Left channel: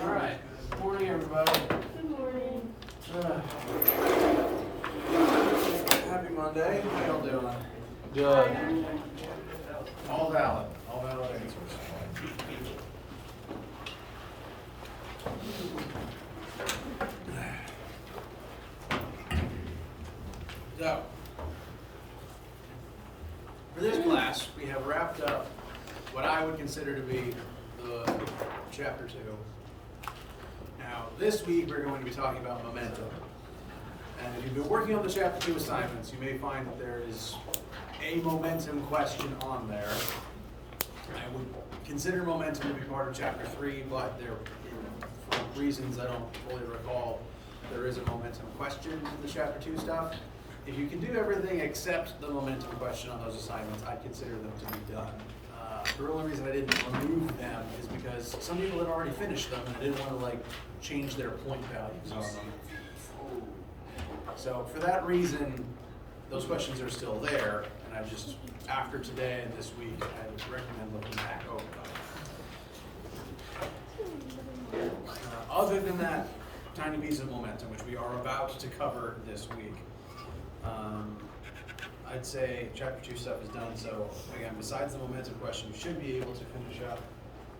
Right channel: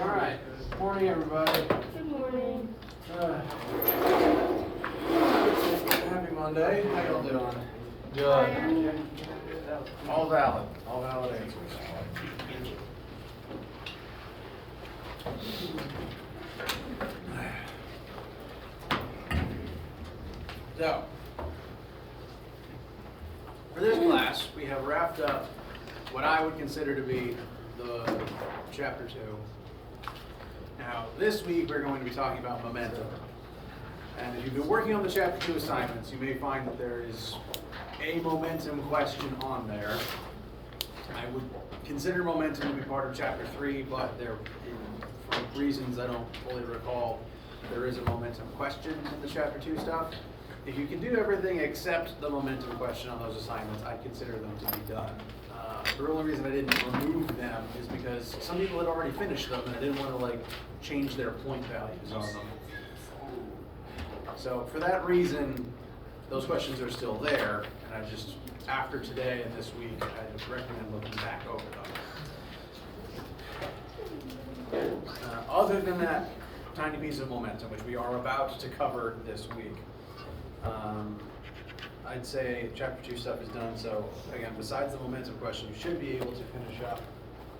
All right. Morning, everybody. Good morning. Happy Monday. How y'all doing? Good. All valid. All valid answers. So, for this class, we have wrapped up what I would consider to be the chapter 2. Now, this week we're going to be talking about momentum. And if you've been working on the chapter 2 assignments, you may find that there is a momentum question on there. I would consider momentum to be part of chapter 3, but there, for reasons I don't fully recall, there is a momentum question in the chapter 2 stuff. If you can do everything except the momentum question on those assignments, I consider them to be done. The only reason I didn't remove them is because some people had already finished them and I didn't want to change their point values on them. So for that reason, those questions are still there, and I just, after today and this week, I just recommend looking back over them. Other than that tiny piece of momentum, which we are about to cover this week, I'd say chapter 2 stuff is done. So again, besides the momentum question, you should be able to finish up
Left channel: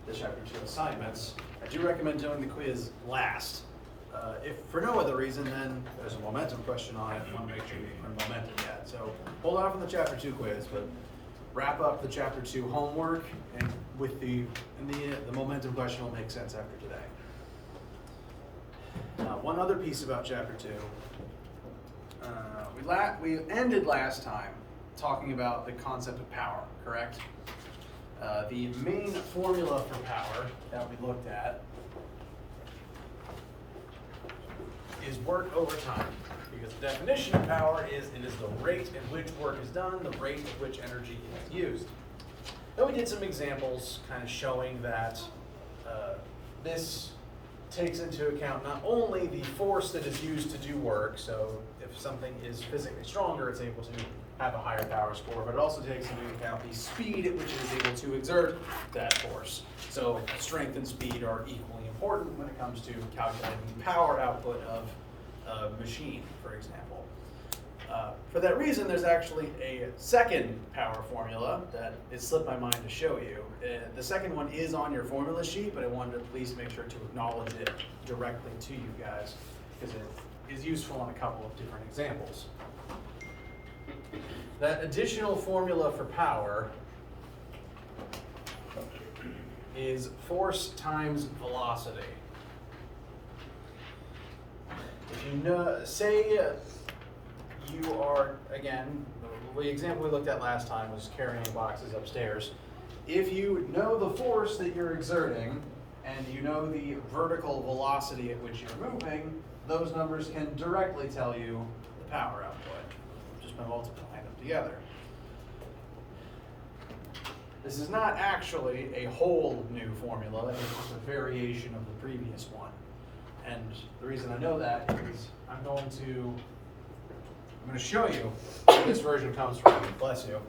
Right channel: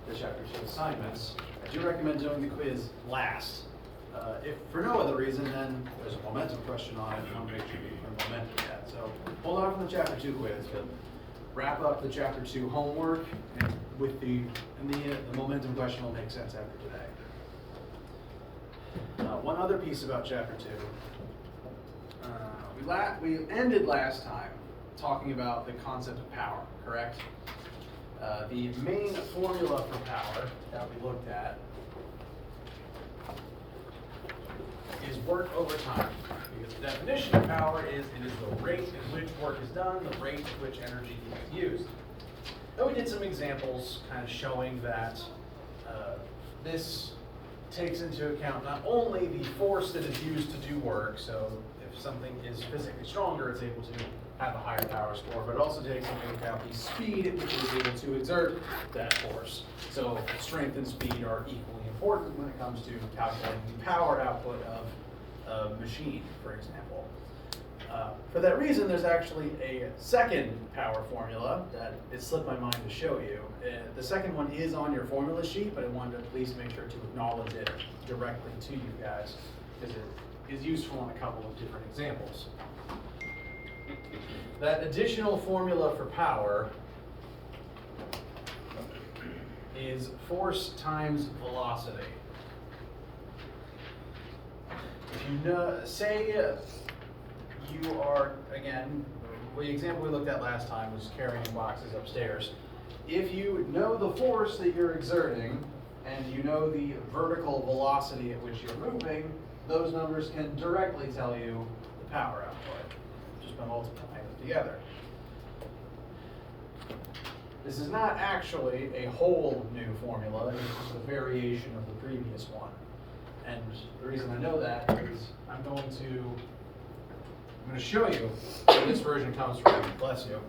the chapter 2 assignments. I do recommend doing the quiz last. If for no other reason, then there's a momentum question on it. You want to make sure you learn momentum yet. So hold on from the chapter 2 quiz, but wrap up the chapter 2 homework, and with the momentum question will make sense after today. One other piece about chapter 2. We ended last time talking about the concept of power, correct? The main formula for power that we looked at is work over time. Because the definition of power is it is the rate at which work is done, the rate at which energy is used. Then we did some examples kind of showing that this takes into account not only the force that is used to do work, so if something is physically stronger, it's able to have a higher power score, but it also takes into account the speed at which it is able to exert that force. So strength and speed are equally important when it comes to calculating the power output of a machine, for example. For that reason, there's actually a second power formula that it slipped my mind to show you. The second one is on your formula sheet, but I wanted to please make sure to acknowledge it directly to you guys, because it is useful on a couple of different examples. That additional formula for power is force times velocity. If you know, say you are, again, the example we looked at last time was carrying boxes upstairs. If you know the force that you're exerting and you know the vertical velocity at which you're moving, those numbers can directly tell you the power output, just by multiplying them together. This is not actually a whole new formula, it's just a variation of the previous one. And the reason I know that is I'm going to show you where this version comes from. Bless you.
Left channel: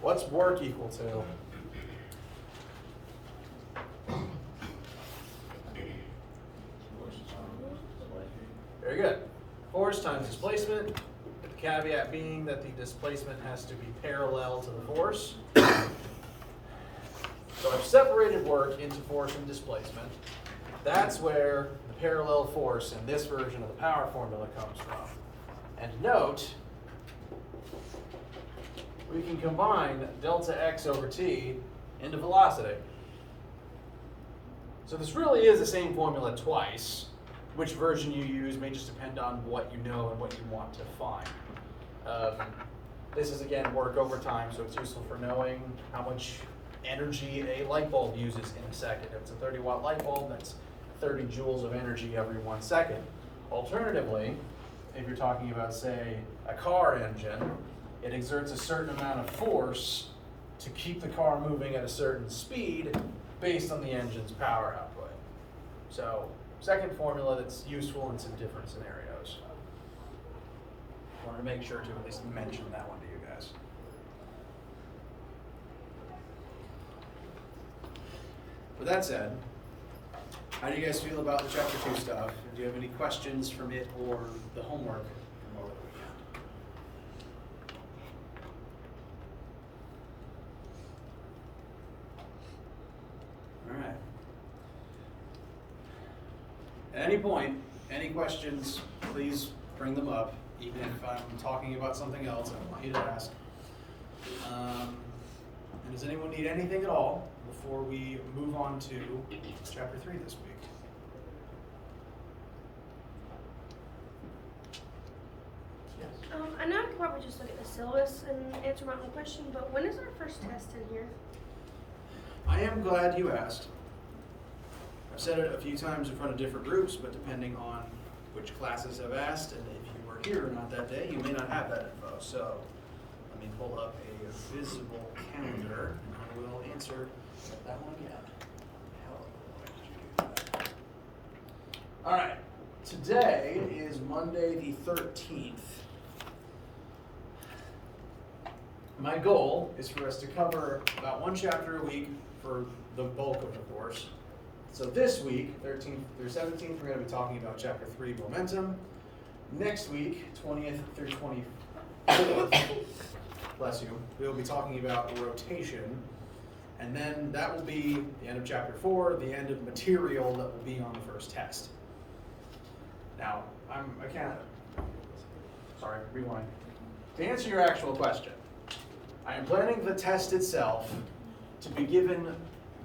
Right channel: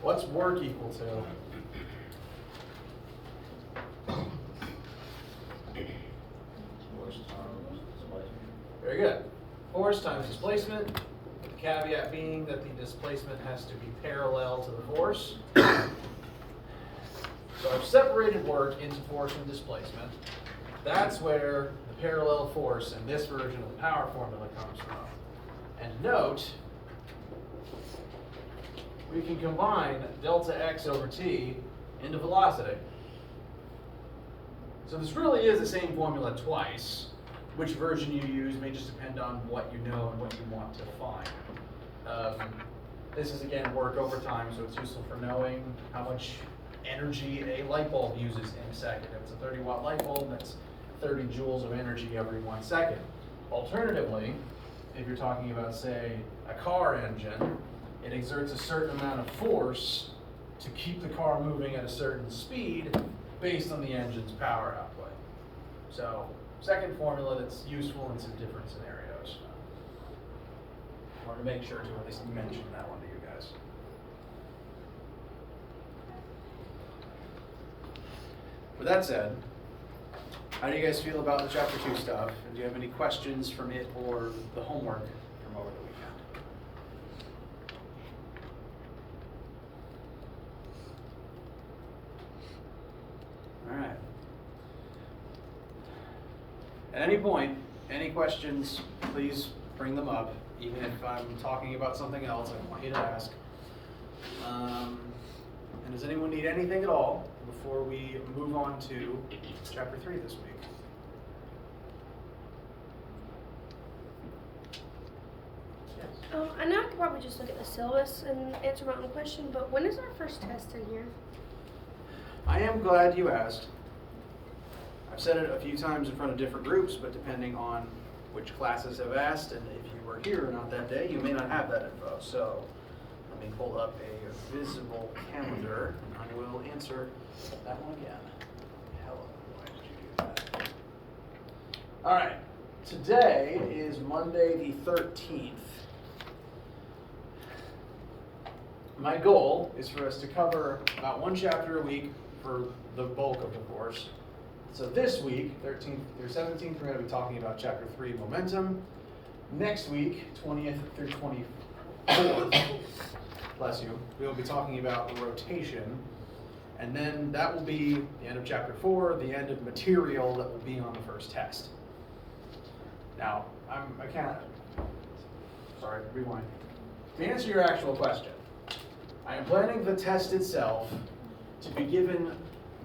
What's work equal to? Very good. Force times displacement, with the caveat being that the displacement has to be parallel to the force. So I've separated work into force and displacement. That's where the parallel force in this version of the power formula comes from. And note, we can combine delta x over t into velocity. So this really is the same formula twice. Which version you use may just depend on what you know and what you want to find. This is, again, work over time, so it's useful for knowing how much energy a light bulb uses in a second. If it's a 30-watt light bulb, that's 30 joules of energy every 1 second. Alternatively, if you're talking about, say, a car engine, it exerts a certain amount of force to keep the car moving at a certain speed based on the engine's power output. So, second formula that's useful in some different scenarios. Wanted to make sure to at least mention that one to you guys. With that said, how do you guys feel about the Chapter 2 stuff? And do you have any questions from it or the homework from over the weekend? All right. At any point, any questions, please bring them up. Even if I'm talking about something else, I want you to ask. And does anyone need anything at all before we move on to Chapter 3 this week? Yes. I know I could probably just look at the syllabus and answer my own question, but when is our first test in here? I am glad you asked. I've said it a few times in front of different groups, but depending on which classes have asked and if you were here or not that day, you may not have that info. So let me pull up a visible calendar and I will answer that one again. Hello, why did you do that? All right, today is Monday the 13th. My goal is for us to cover about one chapter a week for the bulk of the course. So this week, 13th through 17th, we're going to be talking about Chapter 3, Momentum. Next week, 20th through 24th, bless you, we will be talking about rotation. And then that will be the end of Chapter 4, the end of material that will be on the first test. Now, rewind. To answer your actual question, I am planning the test itself to be given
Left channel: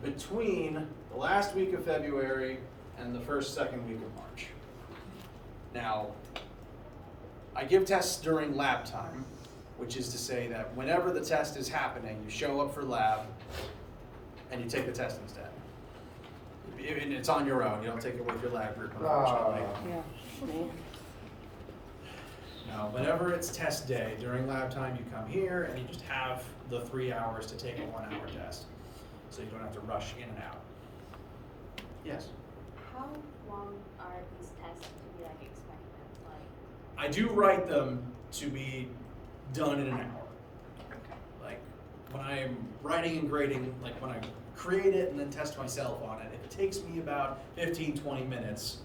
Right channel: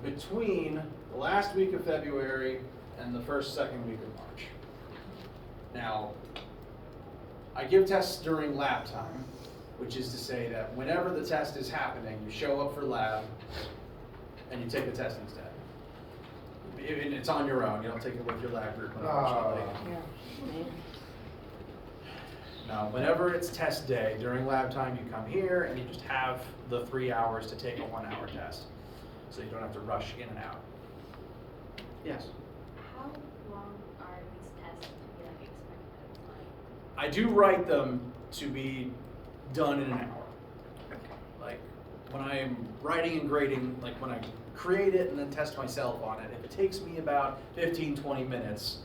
between the last week of February and the second week of March. Now, I give tests during lab time, which is to say that whenever the test is happening, you show up for lab and you take the test instead. And it's on your own, you don't take it with your lab group, unfortunately. No, whenever it's test day, during lab time, you come here and you just have the 3 hours to take a 1 hour test. So you don't have to rush in and out. Yes? How long are these tests to be expected? I do write them to be done in an hour. Like, when I'm writing and grading, like when I create it and then test myself on it, if it takes me about 15, 20 minutes,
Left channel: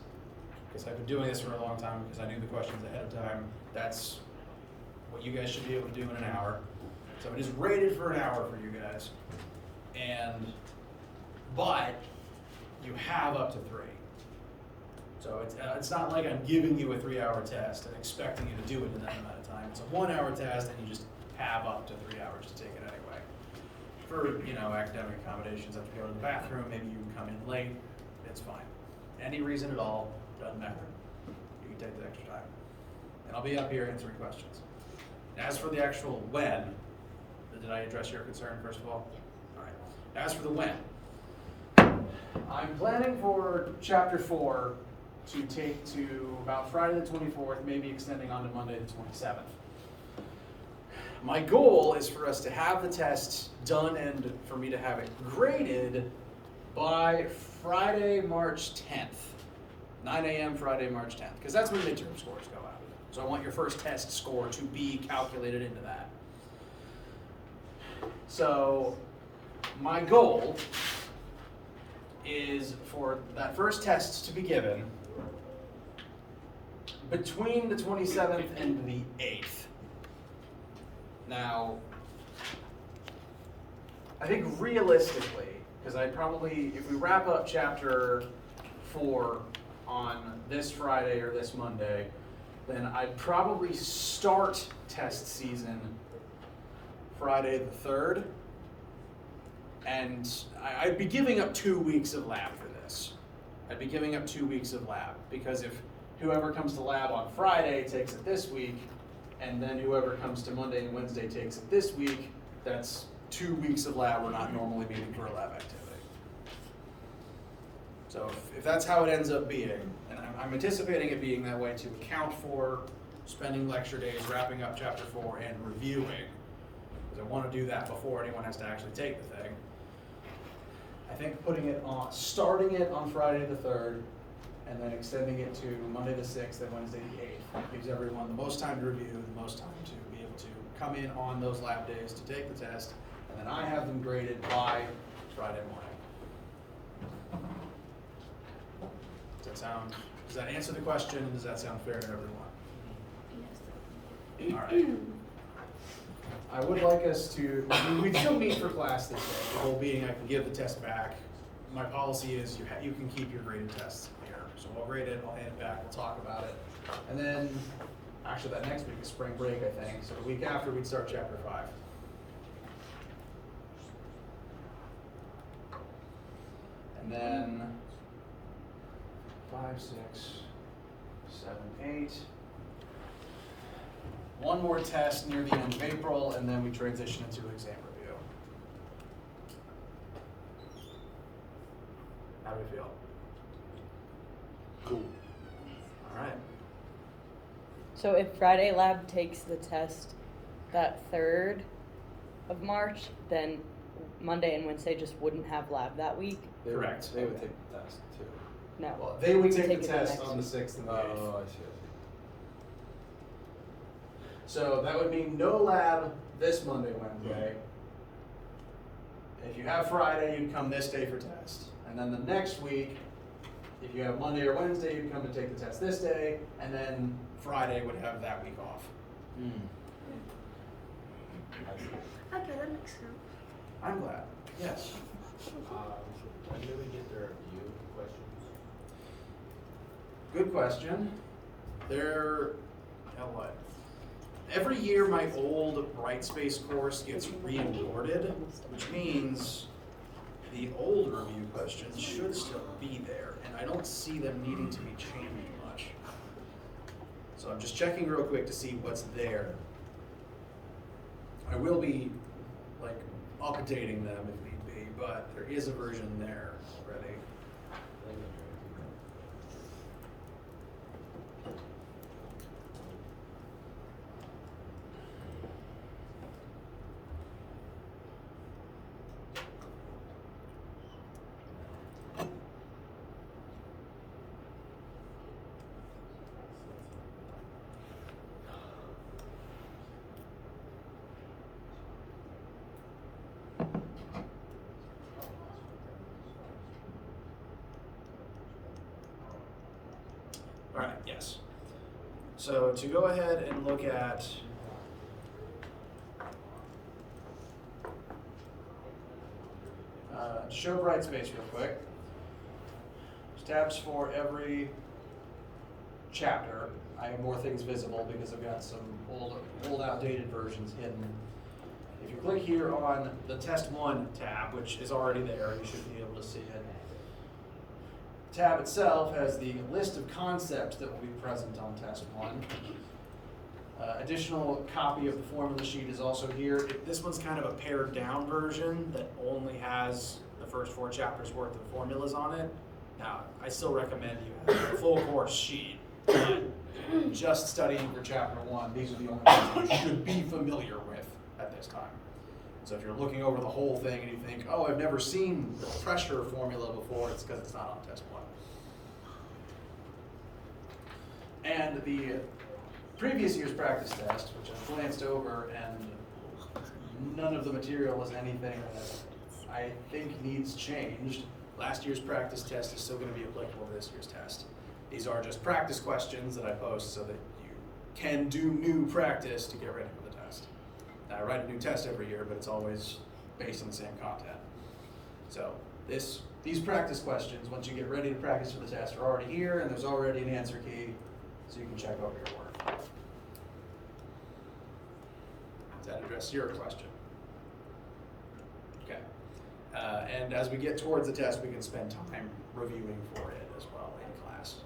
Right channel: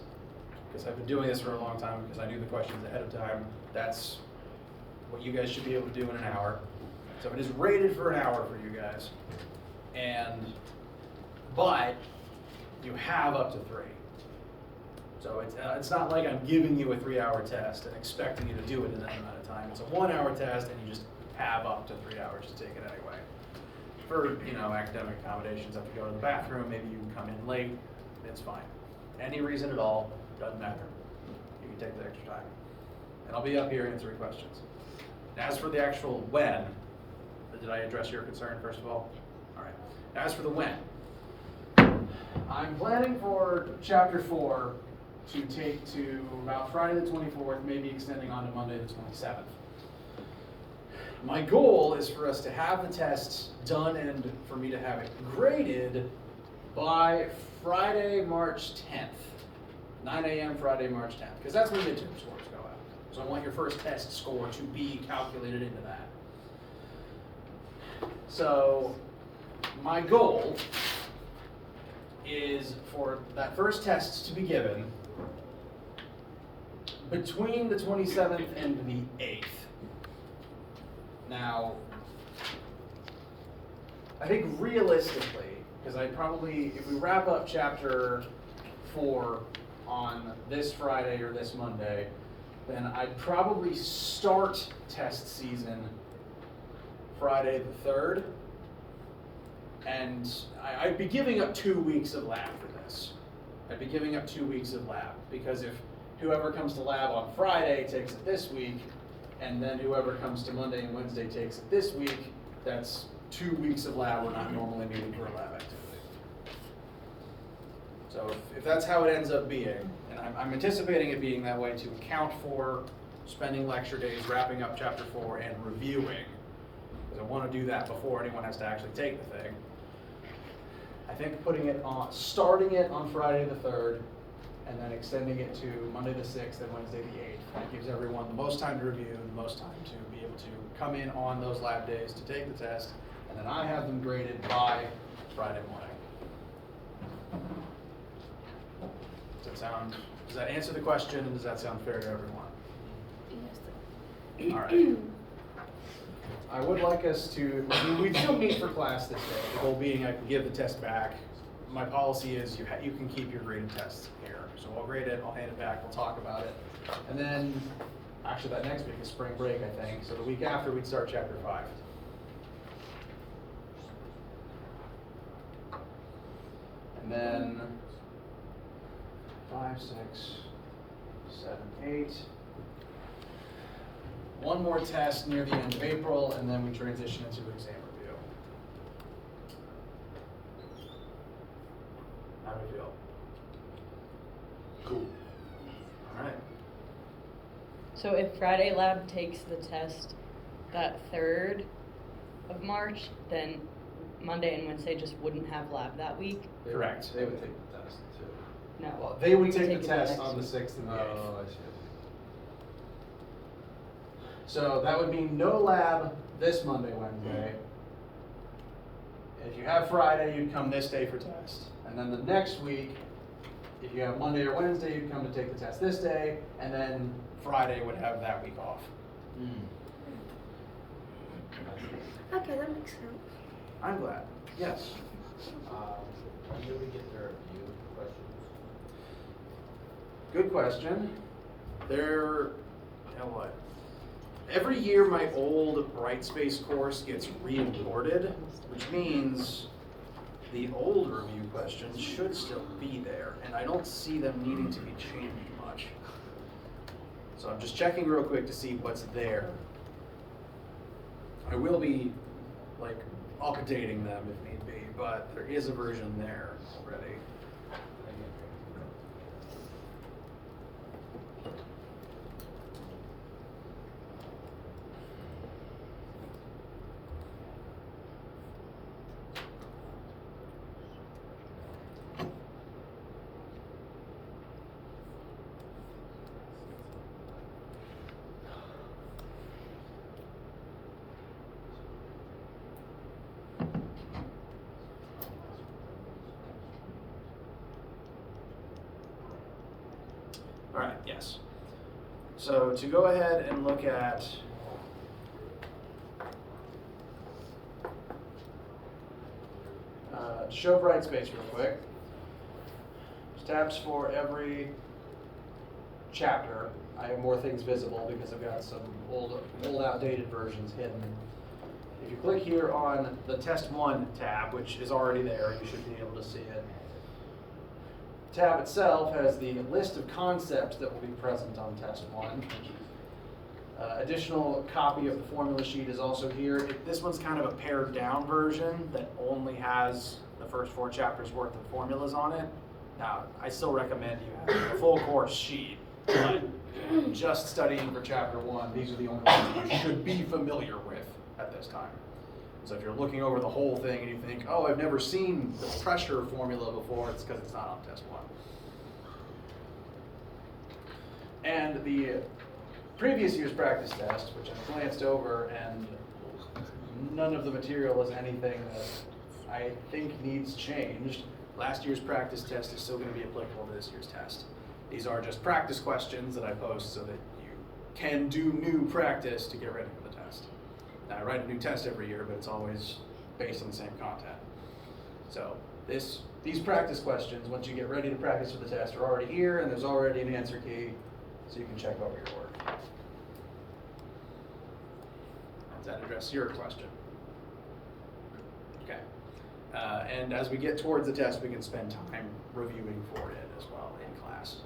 because I've been doing this for a long time, because I do the questions ahead of time, that's what you guys should be able to do in an hour. So it is rated for an hour for you guys. But you have up to 3. So it's not like I'm giving you a 3 hour test and expecting you to do it in that amount of time. It's a 1 hour test and you just have up to 3 hours to take it anyway. For, academic accommodations, have to go to the bathroom, maybe you can come in late, it's fine. Any reason at all, doesn't matter. You can take the extra time. And I'll be up here answering questions. As for the actual when, did I address your concern first of all? All right. As for the when, I'm planning for Chapter 4 to take to about Friday the 24th, maybe extending on to Monday the 27th. My goal is for us to have the tests done and for me to have it graded by Friday, March 10th. 9 a.m. Friday, March 10th, because that's when midterm scores go out. So I want your first test score to be calculated into that. So my goal is for that first test to be given between the 27th and the 8th. Now, I think realistically, because if we wrap up Chapter 4 on this Friday or this Monday, then I'd probably start test season Friday the 3rd. And I'd be giving up 2 weeks of lab for this. I'd be giving up 2 weeks of lab, because if whoever comes to lab on Friday takes it this week, and then whoever comes to Monday and Wednesday takes it this week, that's 2 weeks of lab we're not normally meeting for a lab activity. So if that's how it ends up being, and I'm anticipating it being that way to account for spending lecture days, wrapping up Chapter 4, and reviewing, because I want to do that before anyone has to actually take the thing. I think starting it on Friday the 3rd, and then extending it to Monday the 6th and Wednesday the 8th. That gives everyone the most time to review, the most time to be able to come in on those lab days to take the test, and then I have them graded by Friday morning. Does that answer the question, and does that sound fair to everyone? All right. I would like us to, we still meet for class this day, the goal being I can give the test back. My policy is you can keep your graded tests here. So I'll grade it, I'll hand it back, we'll talk about it. And then, actually that next week is spring break, I think. So the week after we'd start chapter 5. And then 5, 6, 7, 8. One more test near the end of April, and then we transition into exam review. How do we feel? Cool. All right. So if Friday lab takes the test that 3rd of March, then Monday and Wednesday just wouldn't have lab that week? Correct. They would take the test too. No. Well, they would We take the it test next on the week. 6th and the No, 8th. no, I see. So that would mean no lab this Monday, Wednesday. If you have Friday, you'd come this day for test. And then the next week, if you have Monday or Wednesday, you'd come to take the test this day, and then Friday would have that week off. Okay, that makes sense. I'm glad. Yes. When do we get their review questions? Good question. Every year my old Brightspace course gets re-awarded, which means the old review questions should still be there, and I don't see them needing to be changed much. So I'm just checking real quick to see what's there. I will be updating them if need be, but there is a version there already. All right, yes. So to go ahead and look at show Brightspace real quick. There's tabs for every chapter. I have more things visible because I've got some old outdated versions hidden. If you click here on the Test 1 tab, which is already there, you should be able to see it. Tab itself has the list of concepts that will be present on Test 1. Additional copy of the formula sheet is also here. This one's kind of a pared down version that only has the first 4 chapters worth of formulas on it. Now, I still recommend you have a full course sheet, but just studying for chapter 1, these are the only ones you should be familiar with at this time. So if you're looking over the whole thing and you think, oh, I've never seen the pressure formula before, it's because it's not on Test 1. And the previous year's practice test, which I glanced over, and none of the material was anything that I think needs changed. Last year's practice test is still going to be applicable to this year's test. These are just practice questions that I post so that you can do new practice to get ready for the test. Now, I write a new test every year, but it's always based on the same content. So these practice questions, once you get ready to practice for the test, are already here, and there's already an answer key, so you can check over your work. Does that address your question? Okay. And as we get towards the test, we can spend time reviewing for it as well in class.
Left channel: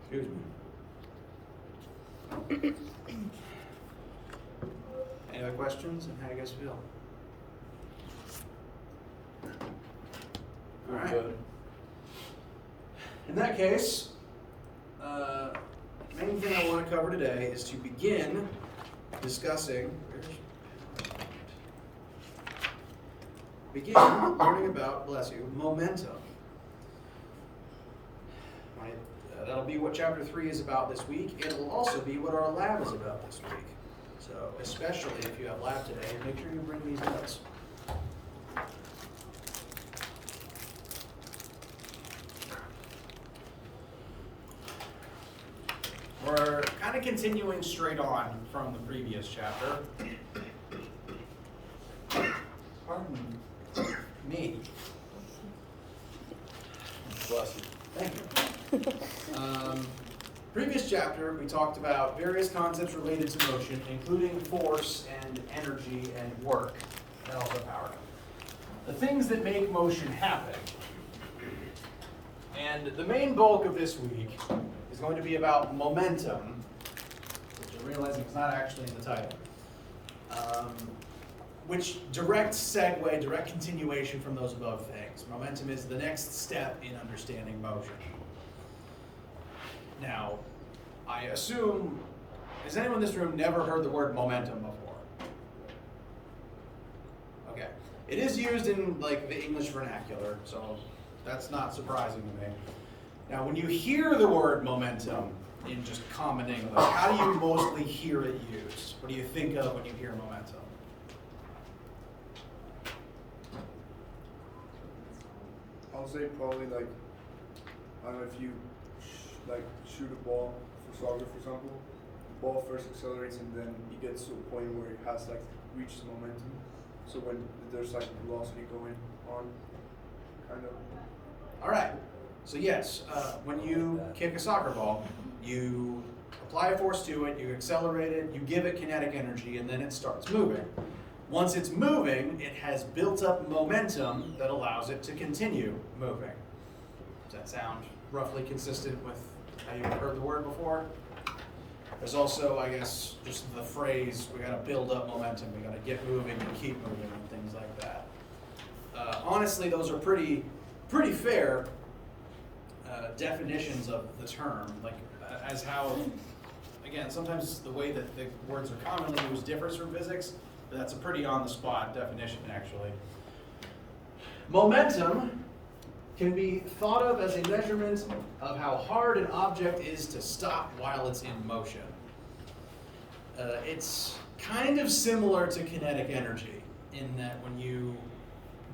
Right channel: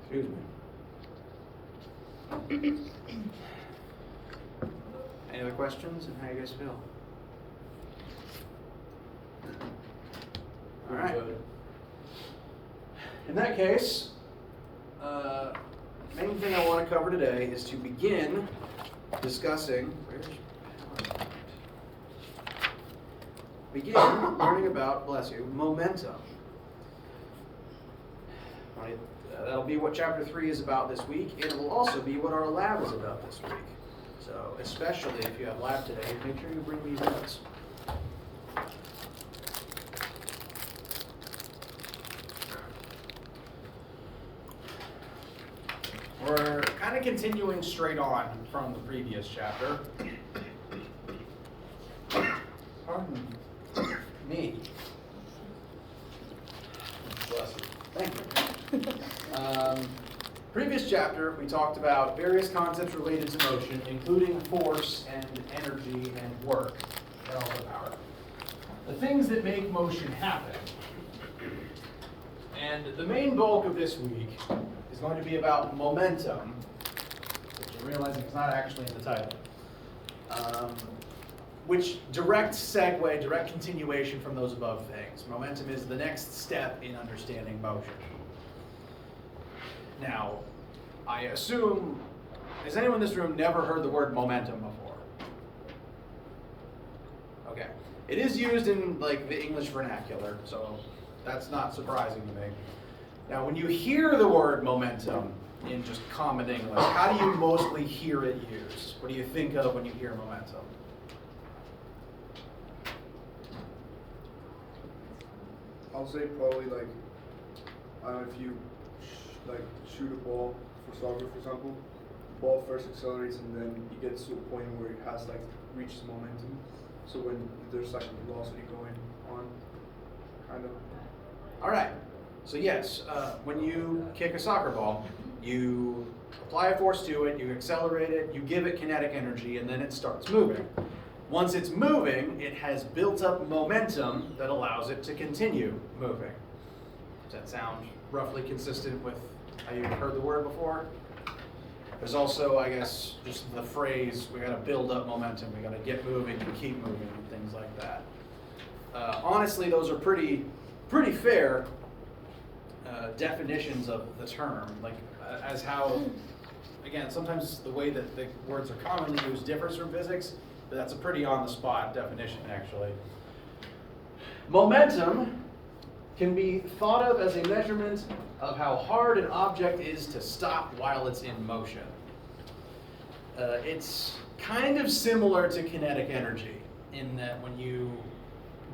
Excuse me. Any other questions, and how you guys feel? All right. In that case, main thing I want to cover today is to begin discussing begin learning about, bless you, momentum. Right? That'll be what chapter 3 is about this week, and it will also be what our lab is about this week. So, especially if you have lab today, make sure you bring these notes. We're kind of continuing straight on from the previous chapter. Pardon me. Bless you. Thank you. Previous chapter, we talked about various concepts related to motion, including force and energy and work, and also power. The things that make motion happen. And the main bulk of this week is going to be about momentum, which I'm realizing is not actually in the title, which direct segue, direct continuation from those above things. Momentum is the next step in understanding motion. Now, I assume, has anyone in this room never heard the word momentum before? Okay. It is used in like the English vernacular, so that's not surprising to me. Now, when you hear the word momentum in just common English, how do you mostly hear it used? What do you think of when you hear momentum? I'll say probably like, I don't know, if you shoot a ball for soccer, for example, the ball first accelerates and then it gets to a point where it has like reaches momentum. So when there's like velocity going on, kind of. All right. So yes, when you kick a soccer ball, you apply a force to it, you accelerate it, you give it kinetic energy, and then it starts moving. Once it's moving, it has built up momentum that allows it to continue moving. Does that sound roughly consistent with how you've heard the word before? There's also, I guess, just the phrase, we gotta build up momentum, we gotta get moving and keep moving and things like that. Honestly, those are pretty fair definitions of the term, like as how, again, sometimes the way that the words are commonly used differs from physics, but that's a pretty on-the-spot definition, actually. Momentum can be thought of as a measurement of how hard an object is to stop while it's in motion. It's kind of similar to kinetic energy in that when you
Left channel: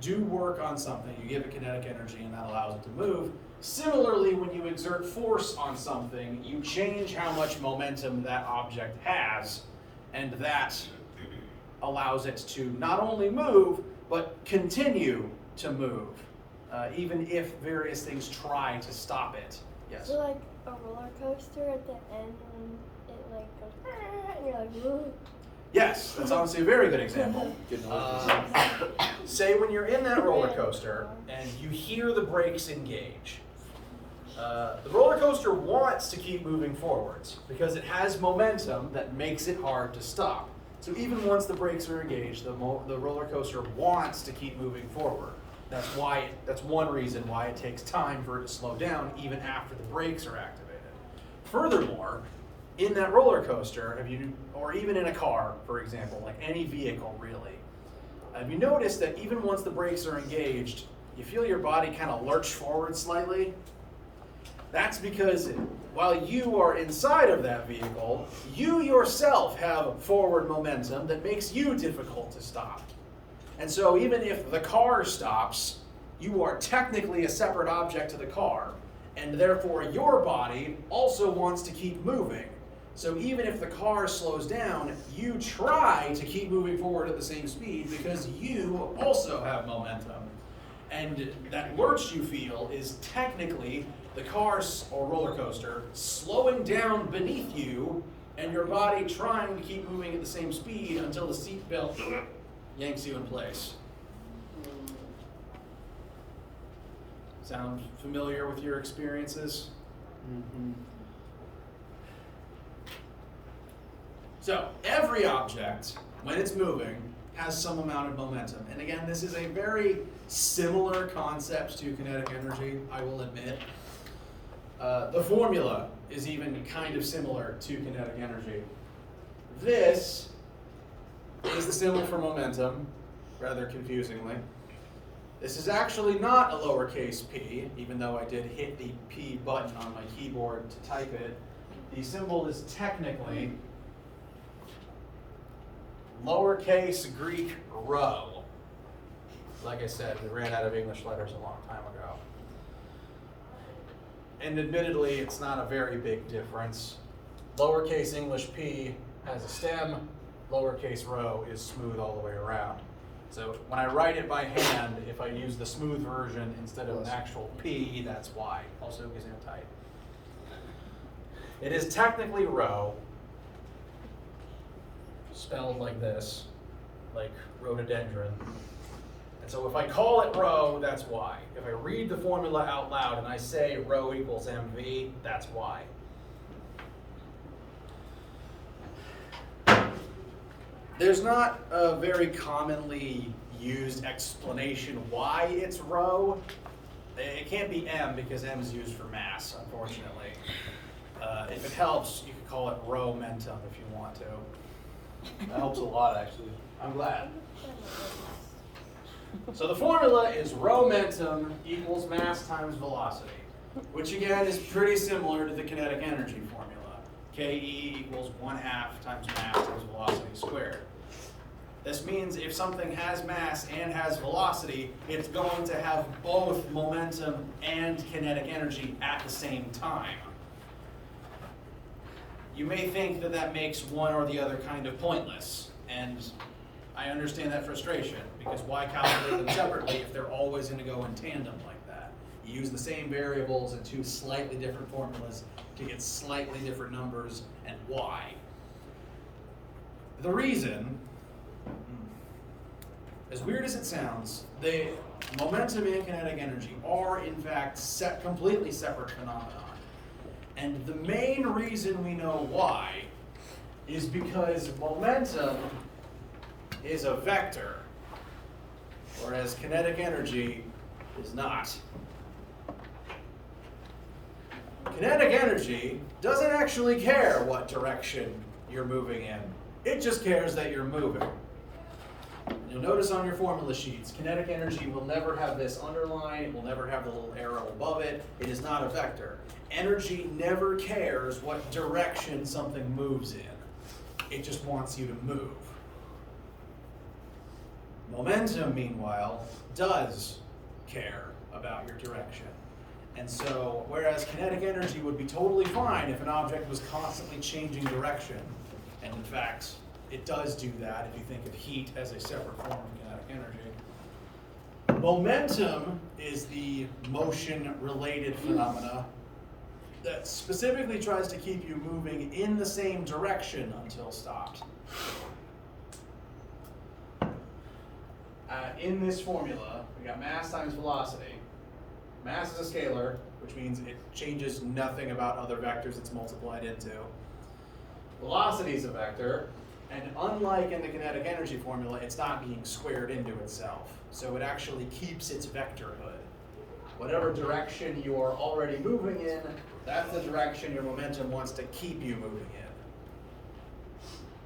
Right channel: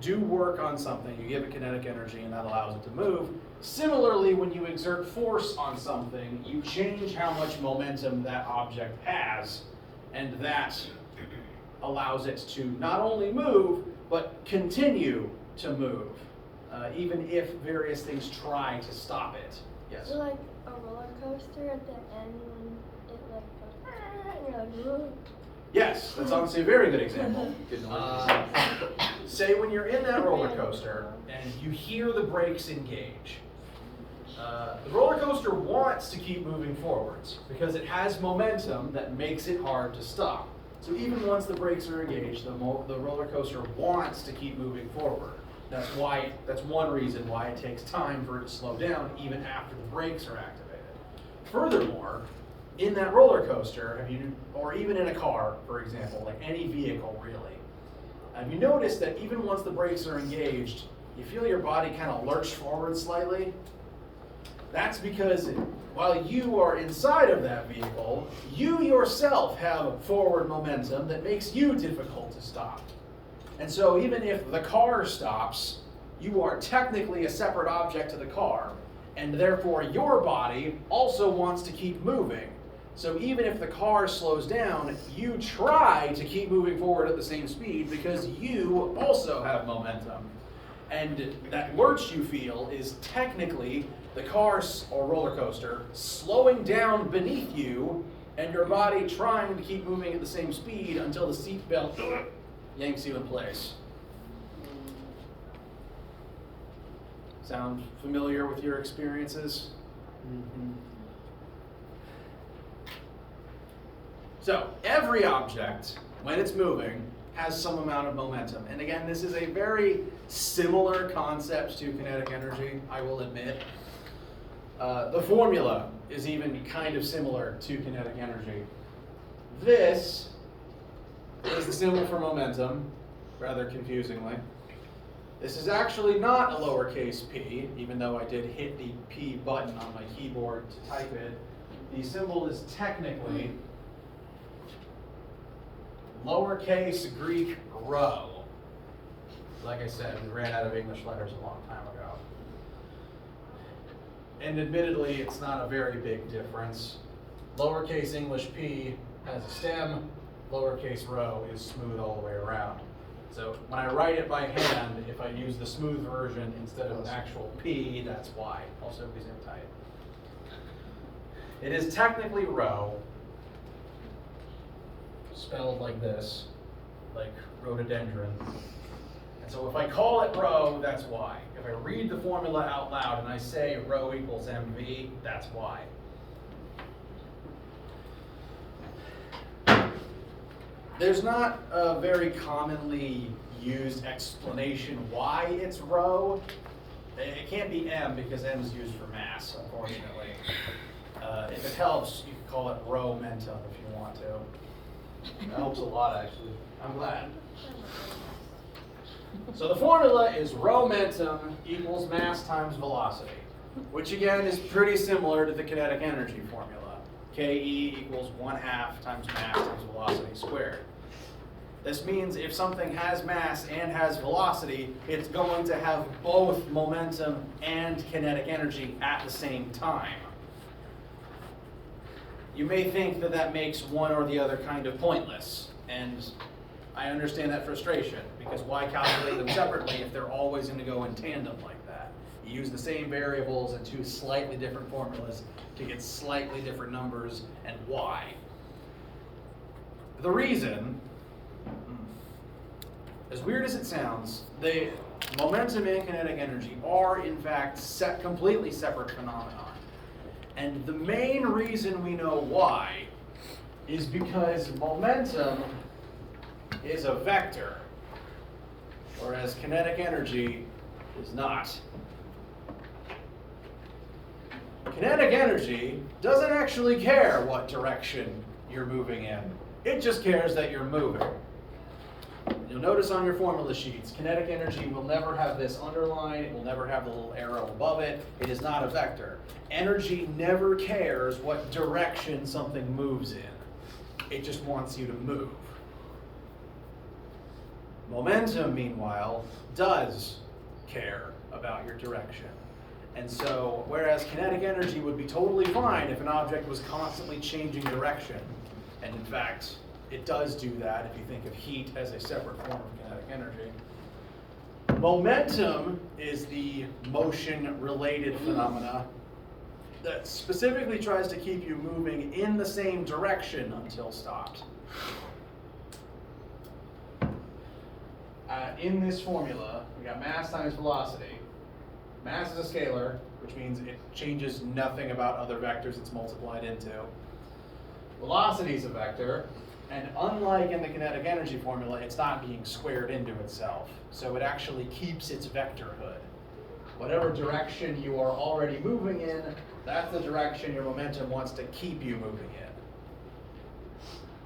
do work on something, you give it kinetic energy and that allows it to move. Similarly, when you exert force on something, you change how much momentum that object has, and that allows it to not only move, but continue to move, even if various things try to stop it. Yes? So like a roller coaster at the end when it like goes, and you're like, whoa. Yes, that's honestly a very good example. Say when you're in that roller coaster and you hear the brakes engage. The roller coaster wants to keep moving forwards because it has momentum that makes it hard to stop. So even once the brakes are engaged, the roller coaster wants to keep moving forward. That's one reason why it takes time for it to slow down even after the brakes are activated. Furthermore, in that roller coaster, or even in a car, for example, like any vehicle really, have you noticed that even once the brakes are engaged, you feel your body kind of lurch forward slightly? That's because while you are inside of that vehicle, you yourself have forward momentum that makes you difficult to stop. And so even if the car stops, you are technically a separate object to the car, and therefore your body also wants to keep moving. So even if the car slows down, you try to keep moving forward at the same speed because you also have momentum. And that lurch you feel is technically the car or roller coaster slowing down beneath you and your body trying to keep moving at the same speed until the seat belt yanks you in place. Sound familiar with your experiences? Mm-hmm. So every object, when it's moving, has some amount of momentum. And again, this is a very similar concept to kinetic energy, I will admit. The formula is even kind of similar to kinetic energy. This is the symbol for momentum, rather confusingly. This is actually not a lowercase p, even though I did hit the P button on my keyboard to type it. The symbol is technically lowercase Greek rho. Like I said, we ran out of English letters a long time ago. And admittedly, it's not a very big difference. Lowercase English p has a stem, lowercase rho is smooth all the way around. So when I write it by hand, if I use the smooth version instead of an actual P, that's why. Also gesundheit. It is technically rho, spelled like this, like rhododendron. And so if I call it rho, that's why. If I read the formula out loud and I say rho equals mv, that's why. There's not a very commonly used explanation why it's rho. It can't be m because m is used for mass, unfortunately. If it helps, you can call it rho-mentum if you want to. That helps a lot, actually. I'm glad. So the formula is rho-mentum equals mass times velocity, which again is pretty similar to the kinetic energy formula. Ke equals 1/2 times mass times velocity squared. This means if something has mass and has velocity, it's going to have both momentum and kinetic energy at the same time. You may think that that makes one or the other kind of pointless, and I understand that frustration, because why calculate them separately if they're always going to go in tandem like that? You use the same variables and two slightly different formulas to get slightly different numbers, and why? The reason, as weird as it sounds, the momentum and kinetic energy are in fact completely separate phenomena. And the main reason we know why is because momentum is a vector, whereas kinetic energy is not. Kinetic energy doesn't actually care what direction you're moving in. It just cares that you're moving. You'll notice on your formula sheets, kinetic energy will never have this underline, it will never have the little arrow above it. It is not a vector. Energy never cares what direction something moves in. It just wants you to move. Momentum, meanwhile, does care about your direction. And so, whereas kinetic energy would be totally fine if an object was constantly changing direction, and in fact, it does do that if you think of heat as a separate form of kinetic energy. Momentum is the motion-related phenomena that specifically tries to keep you moving in the same direction until stopped. In this formula, we got mass times velocity. Mass is a scalar, which means it changes nothing about other vectors it's multiplied into. Velocity is a vector, and unlike in the kinetic energy formula, it's not being squared into itself. So it actually keeps its vectorhood. Whatever direction you are already moving in, that's the direction your momentum wants to keep you moving in.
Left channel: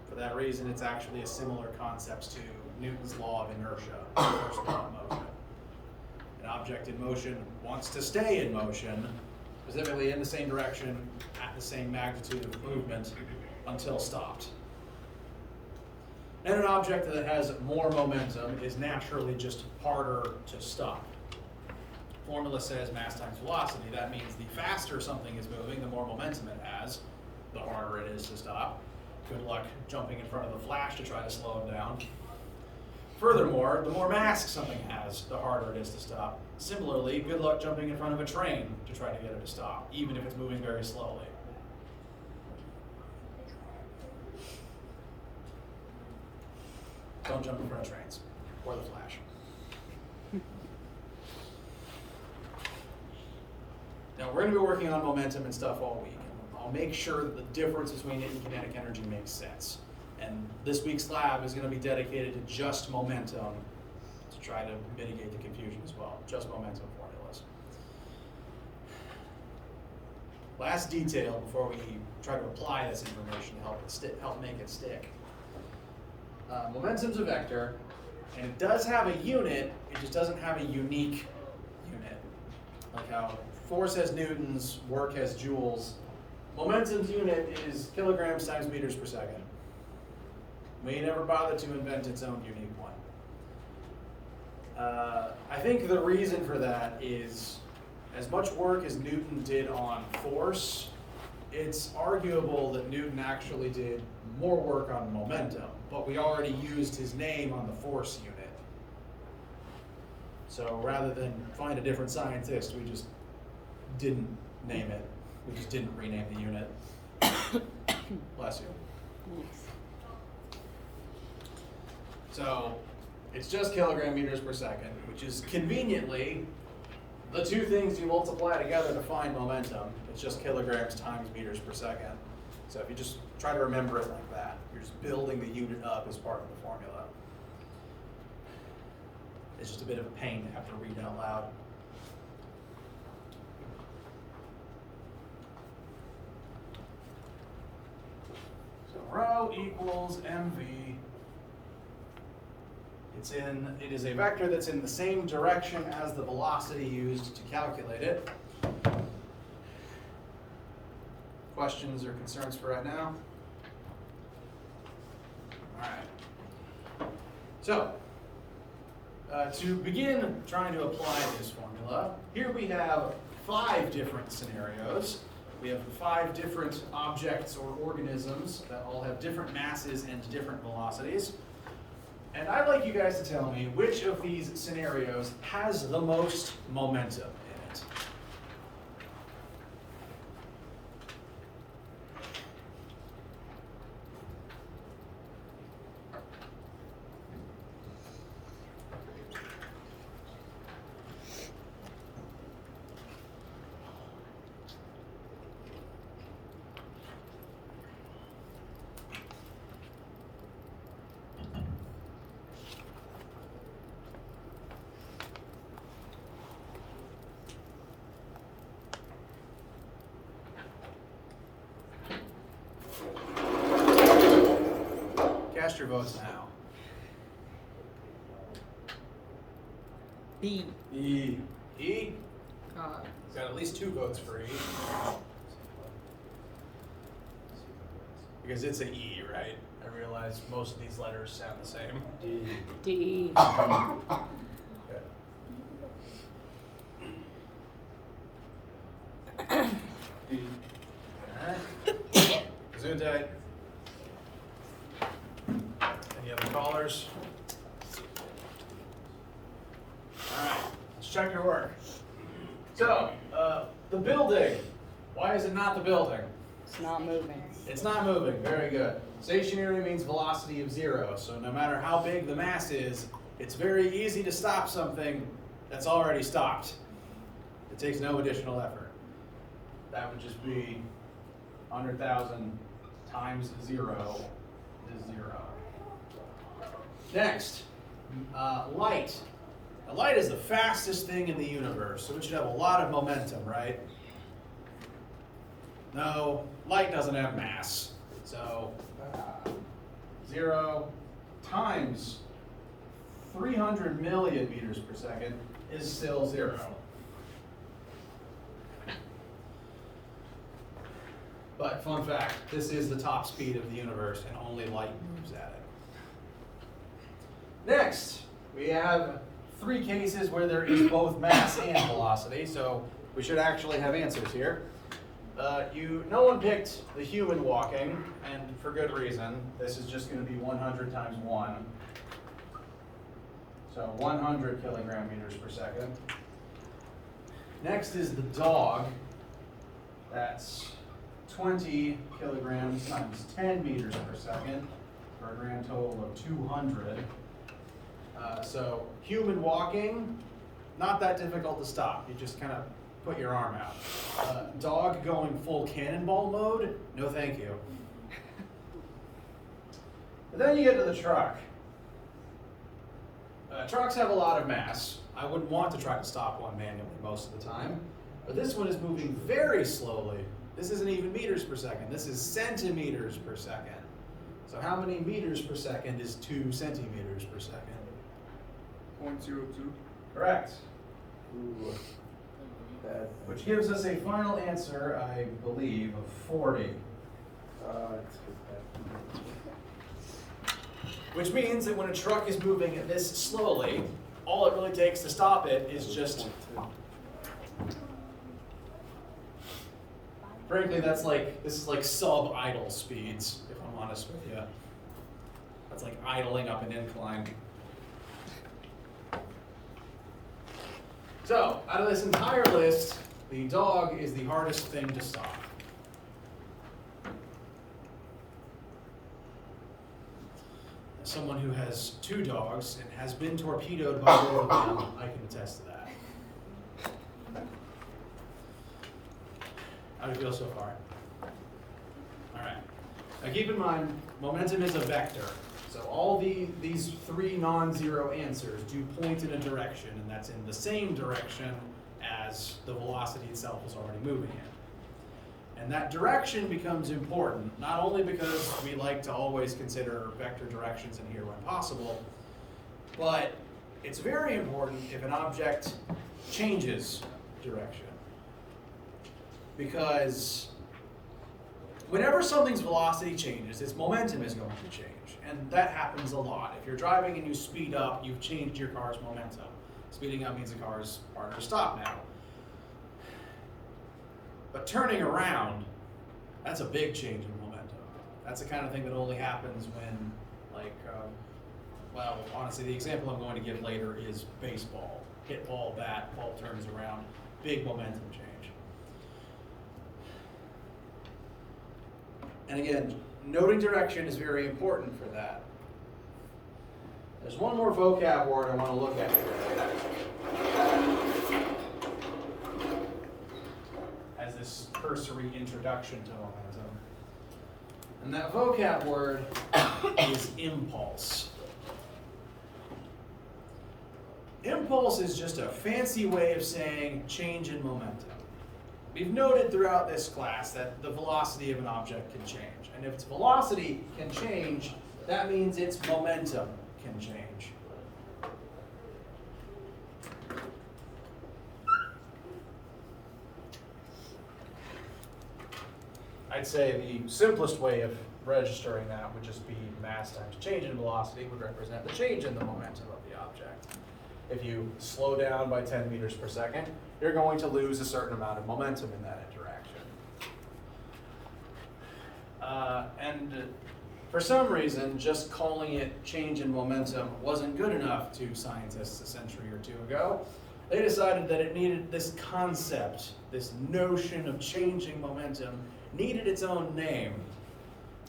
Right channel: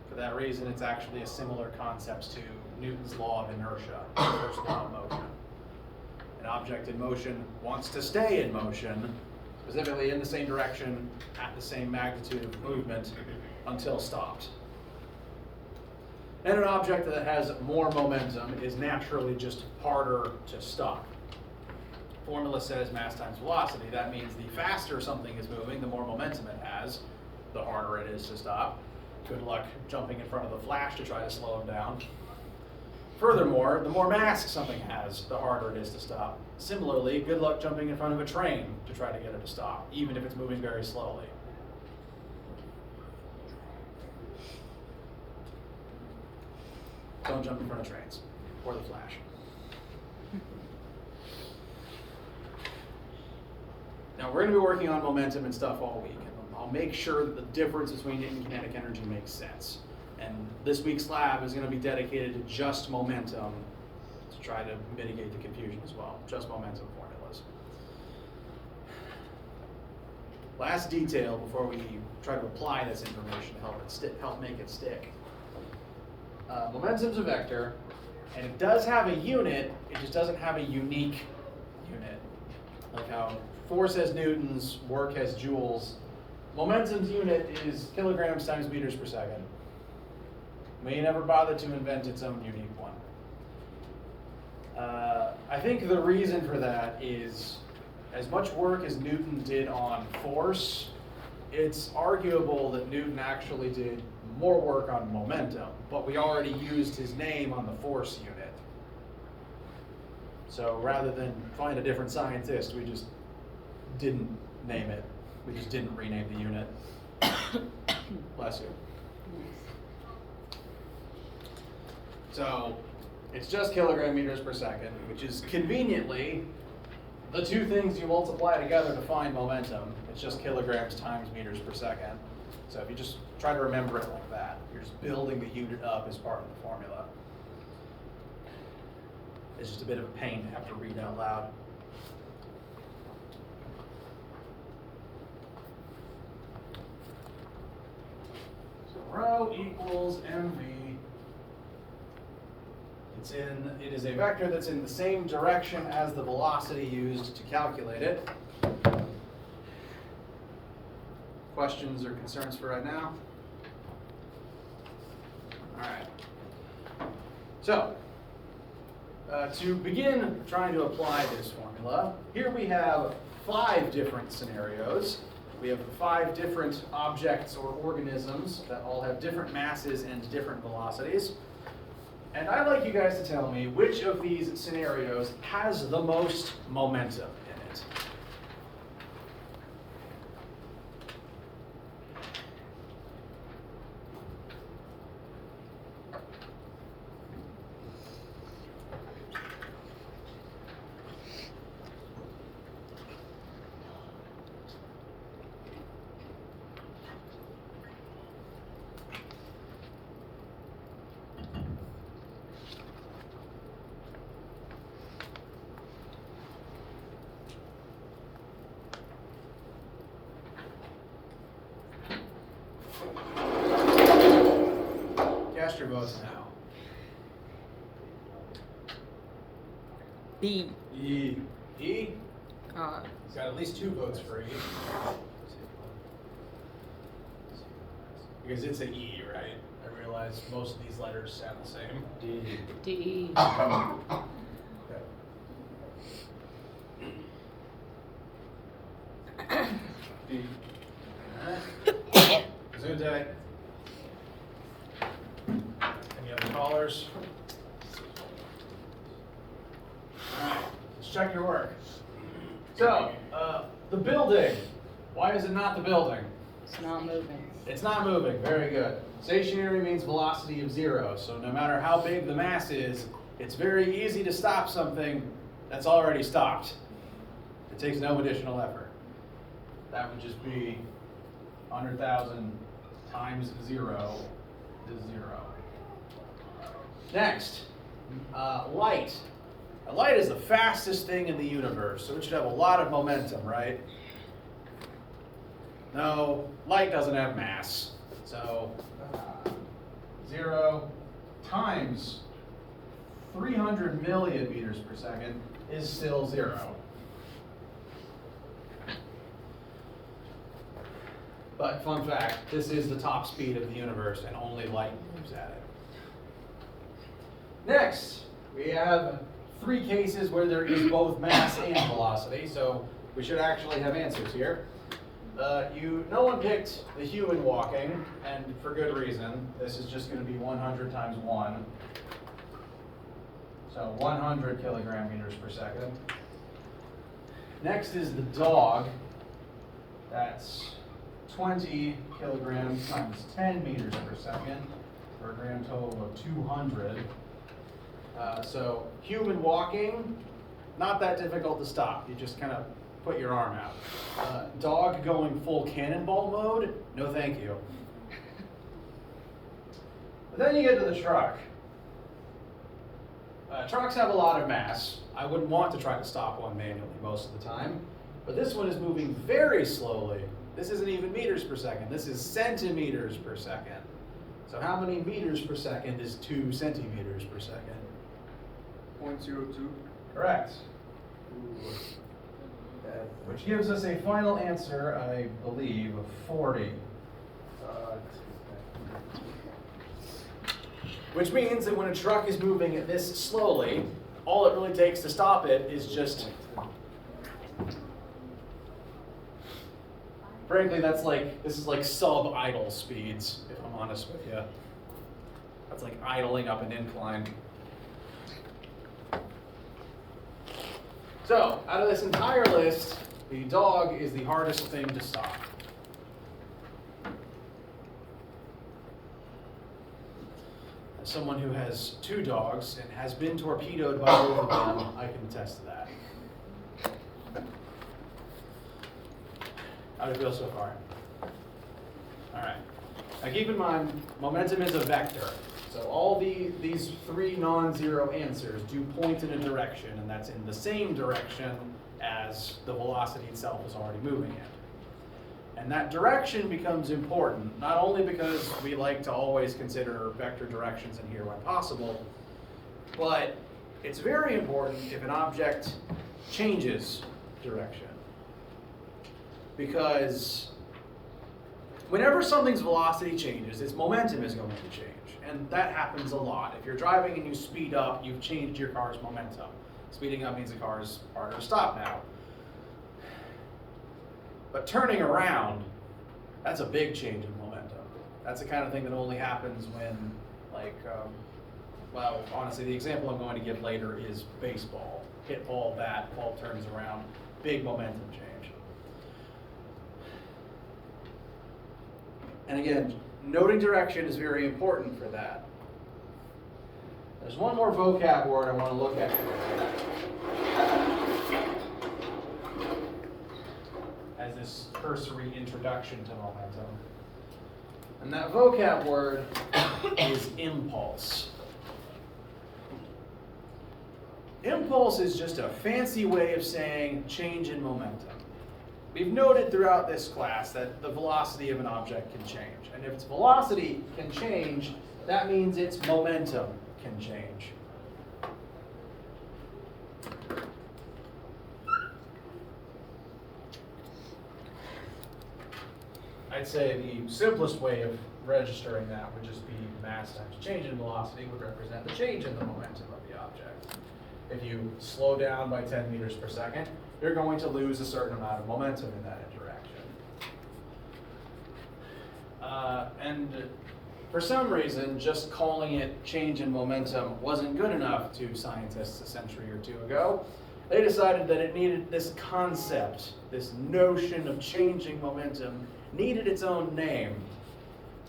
For that reason, it's actually a similar concept to Newton's law of inertia, the first law of motion. An object in motion wants to stay in motion, specifically in the same direction, at the same magnitude of movement, until stopped. And an object that has more momentum is naturally just harder to stop. Formula says mass times velocity. That means the faster something is moving, the more momentum it has, the harder it is to stop. Good luck jumping in front of the Flash to try to slow him down. Furthermore, the more mass something has, the harder it is to stop. Similarly, good luck jumping in front of a train to try to get it to stop, even if it's moving very slowly. Don't jump in front of trains, or the Flash. Now we're going to be working on momentum and stuff all week, and I'll make sure that the difference between it and kinetic energy makes sense. And this week's lab is going to be dedicated to just momentum to try to mitigate the confusion as well, just momentum formulas. Last detail before we try to apply this information to help make it stick. Momentum's a vector, And it does have a unit, it just doesn't have a unique unit. Like how force has newtons, work has joules. Momentum's unit is kilograms times meters per second. We never bothered to invent its own unique one. I think the reason for that is as much work as Newton did on force, it's arguable that Newton actually did more work on momentum, but we already used his name on the force unit. So rather than find a different scientist, we just didn't name it. We just didn't rename the unit. Bless you. So it's just kilogram meters per second, which is conveniently the two things you multiply together to find momentum. It's just kilograms times meters per second. So if you just try to remember it like that, you're just building the unit up as part of the formula. It's just a bit of a pain to have to read out loud. So rho equals mv. It is a vector that's in the same direction as the velocity used to calculate it. Questions or concerns for right now? All right. So, to begin trying to apply this formula, here we have 5 different scenarios. We have 5 different objects or organisms that all have different masses and different velocities. And I'd like you guys to tell me which of these scenarios has the most momentum in it. Cast your votes now. B. E. E? He's got at least 2 votes for E. Because it's an E, right? I realize most of these letters sound the same. D. D. D. Alright. Gesundheit. Any other callers? Alright, let's check your work. So, the building. Why is it not the building? It's not moving. It's not moving, very good. Stationary means velocity of 0, so no matter how big the mass is, it's very easy to stop something that's already stopped. It takes no additional effort. That would just be 100,000 times 0 is 0. Next, light. Now, light is the fastest thing in the universe, so it should have a lot of momentum, right? No, light doesn't have mass. So 0 times 300 million meters per second is still 0. But fun fact, this is the top speed of the universe and only light moves at it. Next, we have 3 cases where there is both mass and velocity, so we should actually have answers here. No one picked the human walking, and for good reason. This is just going to be 100 times 1. So 100 kilogram meters per second. Next is the dog. That's 20 kilograms times 10 meters per second, for a grand total of 200. So human walking, not that difficult to stop. You just kind of put your arm out. Dog going full cannonball mode, no thank you. But then you get to the truck. Trucks have a lot of mass. I wouldn't want to try to stop one manually most of the time, but this one is moving very slowly. This isn't even meters per second, this is centimeters per second. So how many meters per second is 2 centimeters per second? 0.02. Correct. Which gives us a final answer, I believe, of 40. Which means that when a truck is moving this slowly, all it really takes to stop it is just... Frankly, this is like sub-idle speeds, if I'm honest with you. That's like idling up an incline. So, out of this entire list, the dog is the hardest thing to stop. As someone who has 2 dogs and has been torpedoed by both of them, I can attest to that. How do you feel so far? All right. Now keep in mind, momentum is a vector. So all these 3 non-zero answers do point in a direction, and that's in the same direction as the velocity itself is already moving in. And that direction becomes important, not only because we like to always consider vector directions in here when possible, but it's very important if an object changes direction. Because whenever something's velocity changes, its momentum is going to change. And that happens a lot. If you're driving and you speed up, you've changed your car's momentum. Speeding up means the car is harder to stop now. But turning around, that's a big change in momentum. That's the kind of thing that only happens when, well, honestly, the example I'm going to give later is baseball. Hit ball, bat, ball turns around, big momentum change. And again, noting direction is very important for that. There's one more vocab word I want to look at today as this cursory introduction to momentum. And that vocab word is impulse. Impulse is just a fancy way of saying change in momentum. We've noted throughout this class that the velocity of an object can change. And if its velocity can change, that means its momentum can change. I'd say the simplest way of registering that would just be mass times change in velocity would represent the change in the momentum of the object. If you slow down by 10 meters per second, you're going to lose a certain amount of momentum in that direction. And for some reason, just calling it change in momentum wasn't good enough to scientists a century or 2 ago. They decided that it needed this concept, this notion of changing momentum, needed its own name.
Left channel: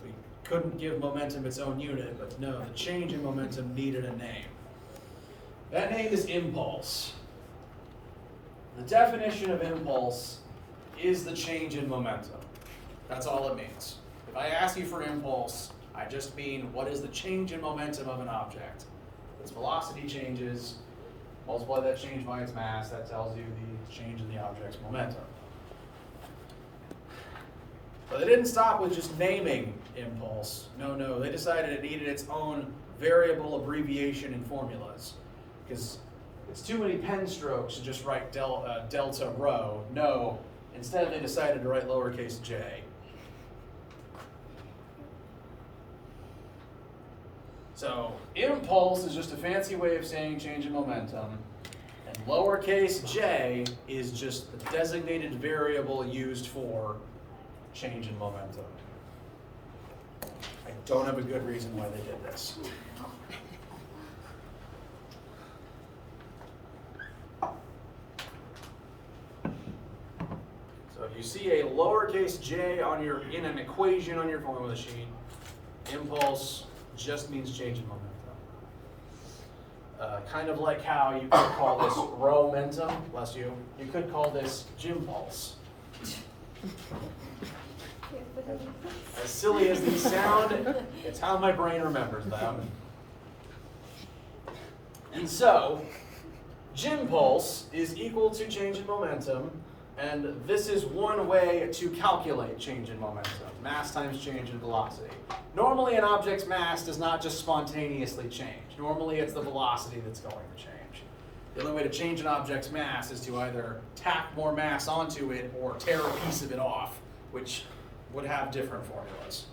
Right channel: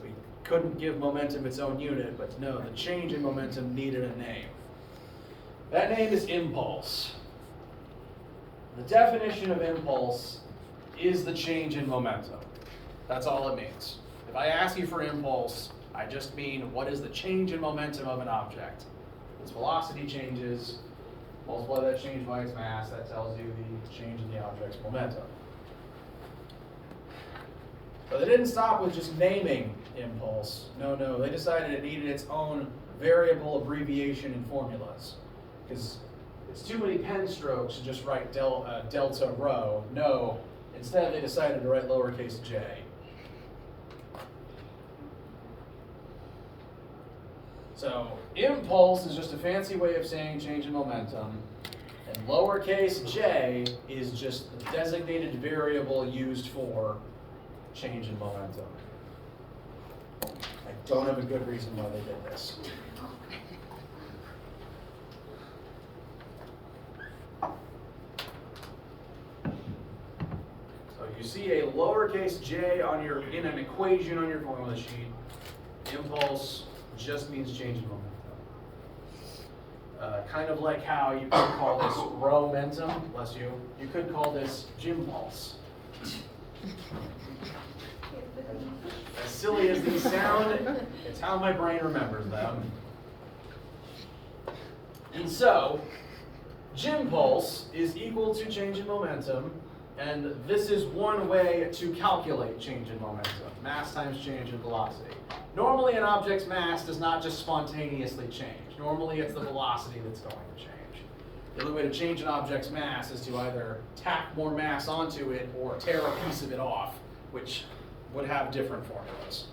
We couldn't give momentum its own unit, but no, the change in momentum needed a name. That name is impulse. The definition of impulse is the change in momentum. That's all it means. If I ask you for impulse, I just mean what is the change in momentum of an object. Its velocity changes, multiply that change by its mass, that tells you the change in the object's momentum. But they didn't stop with just naming impulse. No, they decided it needed its own variable abbreviation in formulas. Because it's too many pen strokes to just write delta rho. No, instead they decided to write lowercase j. So impulse is just a fancy way of saying change in momentum, and lowercase j is just the designated variable used for change in momentum. I don't have a good reason why they did this. You see a lowercase j in an equation on your formula sheet. Impulse just means change in momentum. Kind of like how you could call this rho-mentum, bless you. You could call this gym-pulse. As silly as these sound, it's how my brain remembers them. And so, gym-pulse is equal to change in momentum. And this is one way to calculate change in momentum, mass times change in velocity. Normally an object's mass does not just spontaneously change. Normally it's the velocity that's going to change. The only way to change an object's mass is to either tack more mass onto it or tear a piece of it off, which would have different formulas.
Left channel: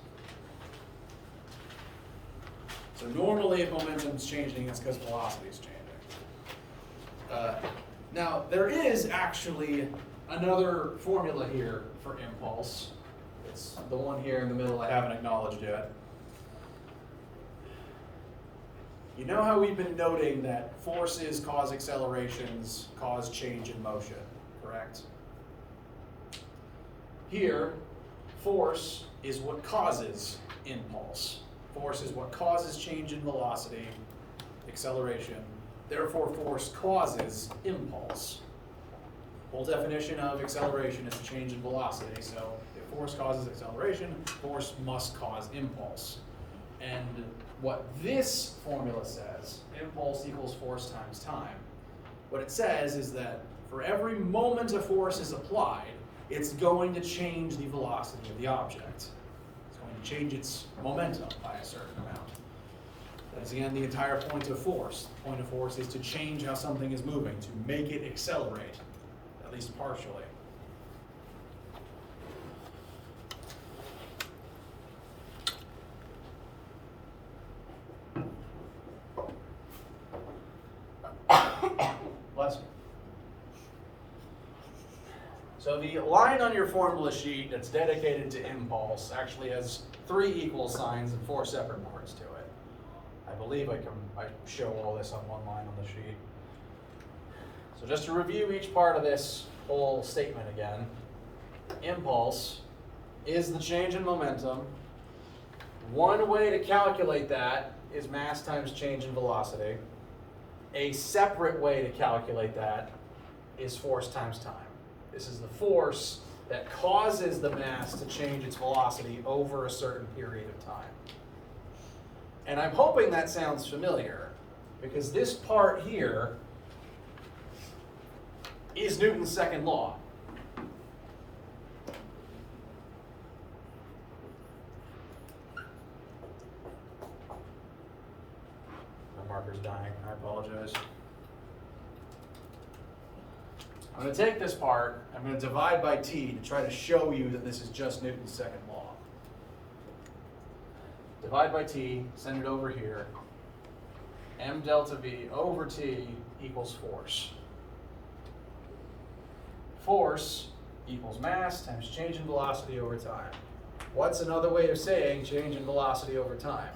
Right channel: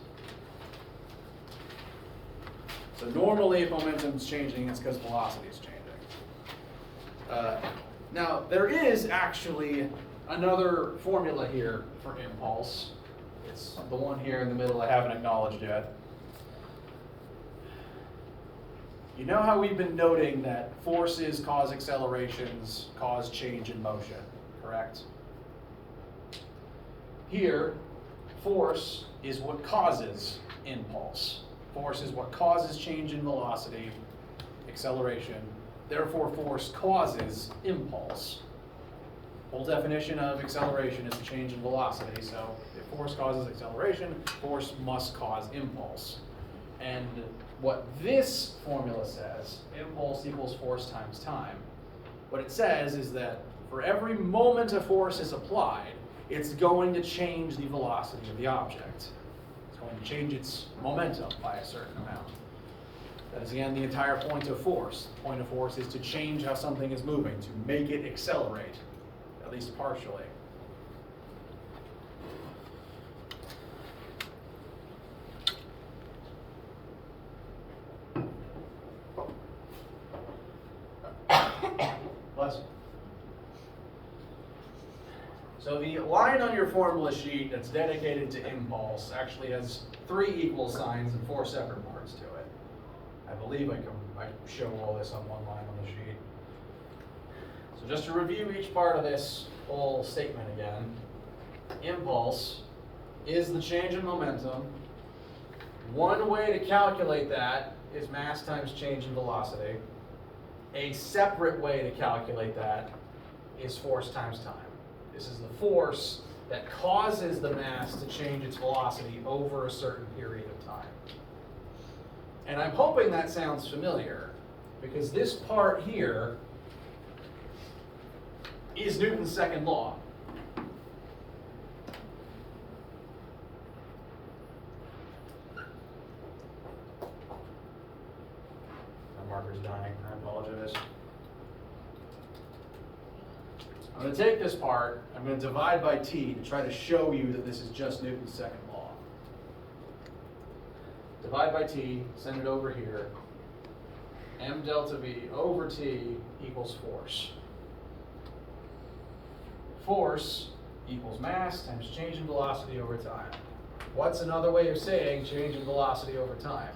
So normally if momentum's changing, it's because velocity is changing. Now, there is actually another formula here for impulse. It's the one here in the middle I haven't acknowledged yet. You know how we've been noting that forces cause accelerations, cause change in motion, correct? Here, force is what causes impulse. Force is what causes change in velocity, acceleration. Therefore, force causes impulse. Whole definition of acceleration is change in velocity. So if force causes acceleration, force must cause impulse. And what this formula says, impulse equals force times time. What it says is that for every moment a force is applied, it's going to change the velocity of the object. It's going to change its momentum by a certain amount. That is, again, the entire point of force. The point of force is to change how something is moving, to make it accelerate, at least partially. Bless you. So the line on your formula sheet that's dedicated to impulse actually has 3 equal signs and 4 separate parts to it. I believe I show all this on one line on the sheet. So just to review each part of this whole statement again, impulse is the change in momentum. One way to calculate that is mass times change in velocity. A separate way to calculate that is force times time. This is the force that causes the mass to change its velocity over a certain period of time. And I'm hoping that sounds familiar, because this part here is Newton's second law. My marker's dying, I apologize. I'm going to take this part, I'm going to divide by t to try to show you that this is just Newton's second law. Divide by t, send it over here. M delta V over t equals force. Force equals mass times change in velocity over time. What's another way of saying change in velocity over time?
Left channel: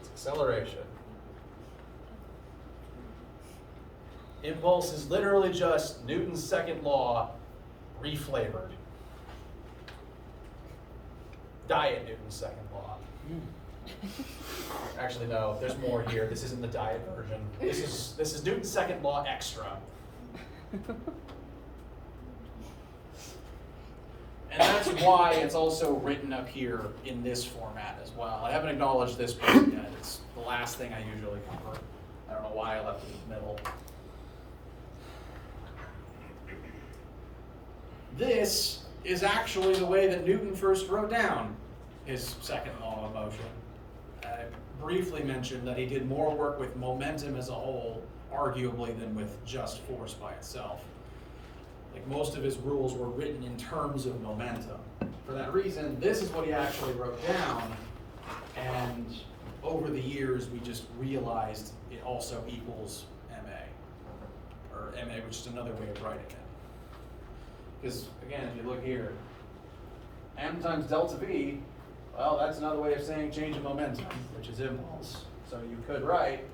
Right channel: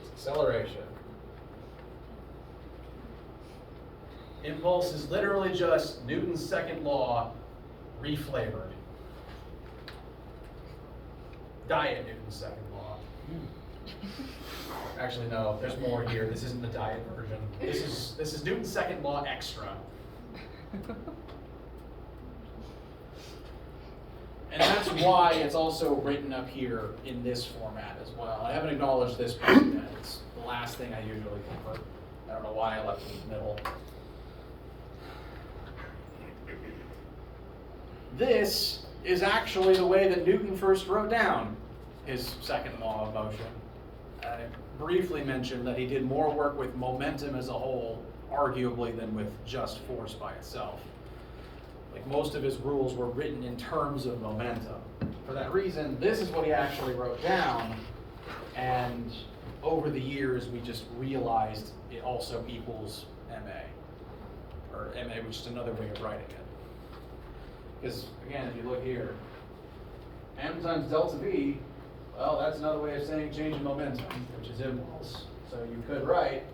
It's acceleration. Impulse is literally just Newton's second law reflavored. Diet Newton's second law. Actually, no, there's more here. This isn't the diet version. This is Newton's second law extra. And that's why it's also written up here in this format as well. I haven't acknowledged this part yet. It's the last thing I usually cover. I don't know why I left it in the middle. This is actually the way that Newton first wrote down his second law of motion. I briefly mentioned that he did more work with momentum as a whole, arguably, than with just force by itself. Like, most of his rules were written in terms of momentum. For that reason, this is what he actually wrote down, and over the years we just realized it also equals MA, or MA, which is another way of writing it. Because, again, if you look here, m times delta v, well, that's another way of saying change in momentum, which is impulse. So you could write,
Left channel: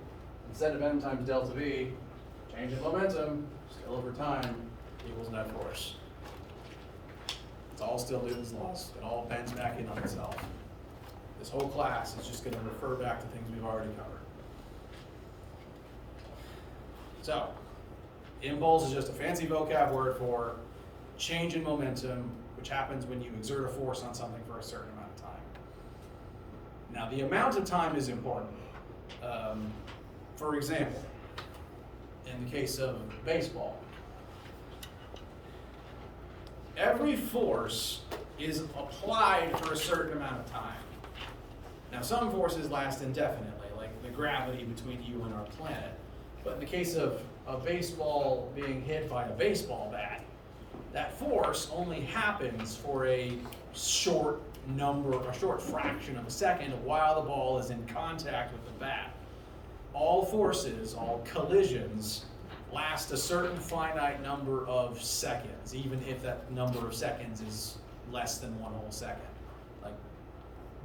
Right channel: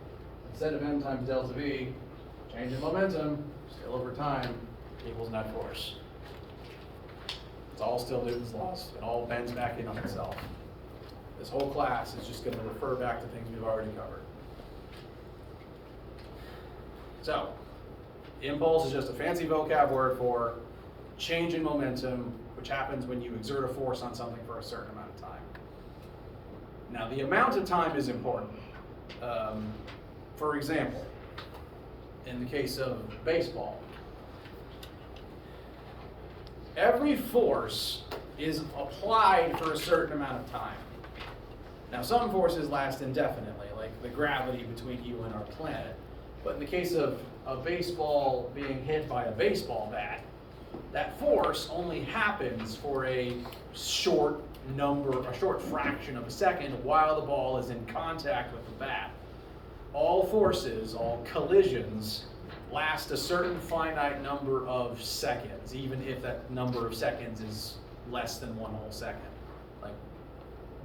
instead of m times delta v, change in momentum, still over time, equals net force. It's all still Newton's laws. It all bends back in on itself. This whole class is just going to refer back to things we've already covered. So, impulse is just a fancy vocab word for change in momentum, which happens when you exert a force on something for a certain amount of time. Now, the amount of time is important. For example, in the case of baseball, every force is applied for a certain amount of time. Now, some forces last indefinitely, like the gravity between you and our planet. But in the case of a baseball being hit by a baseball bat, that force only happens for a short fraction of a second while the ball is in contact with the bat. All forces, all collisions, last a certain finite number of seconds, even if that number of seconds is less than one whole second. Like,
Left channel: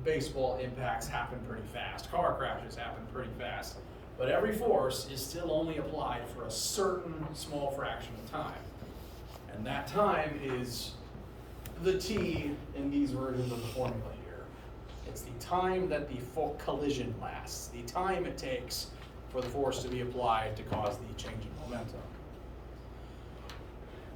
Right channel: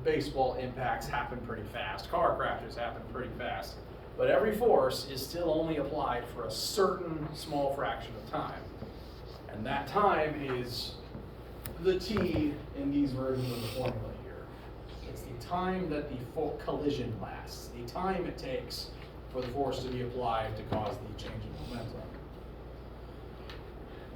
baseball impacts happen pretty fast, car crashes happen pretty fast, but every force is still only applied for a certain small fraction of time. And that time is the T in these versions of the formula here. It's the time that the collision lasts, the time it takes for the force to be applied to cause the change in momentum.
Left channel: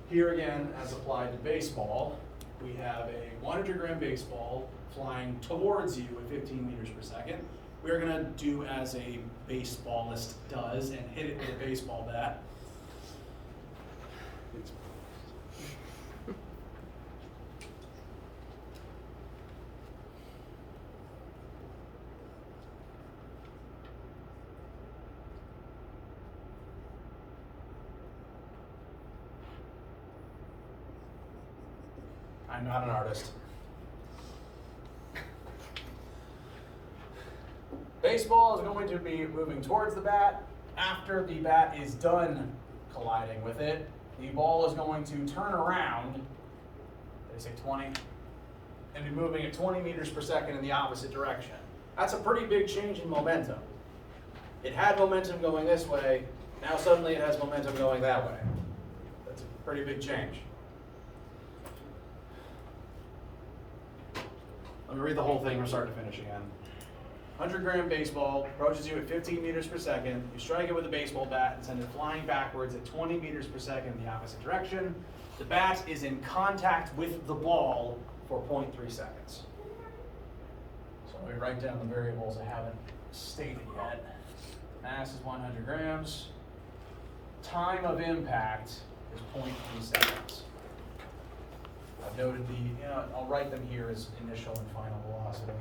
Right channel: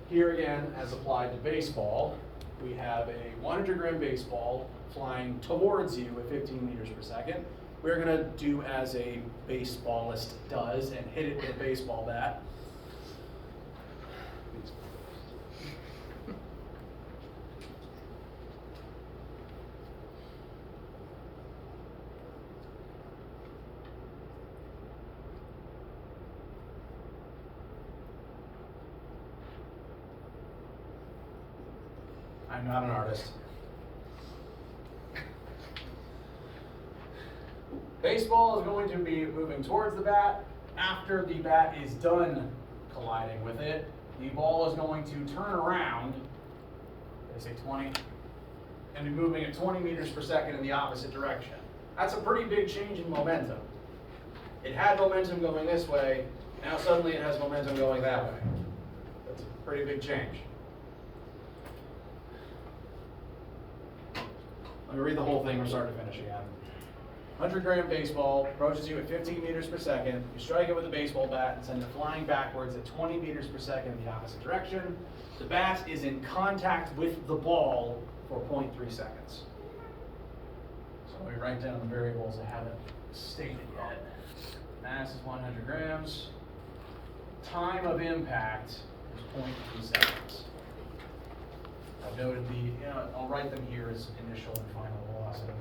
Here again, as applied to baseball, we have a 100-gram baseball flying towards you at 15 meters per second. We're gonna do as a baseballist does and hit it with a baseball bat. I'm not an artist. Baseball is going to be moving towards the bat. After the bat is done colliding with it, the ball is going to turn around, did I say 20? And be moving at 20 meters per second in the opposite direction. That's a pretty big change in momentum. It had momentum going this way, now suddenly it has momentum going that way. That's a pretty big change. Let me read the whole thing from start to finish again. 100-gram baseball approaches you at 15 meters per second. You strike it with a baseball bat and send it flying backwards at 20 meters per second in the opposite direction. The bat is in contact with the ball for 0.3 seconds. So let me write down the variables I haven't stated yet. Mass is 100 grams. Time of impact is 0.3 seconds. I've noted I'll write them here as initial and final velocity.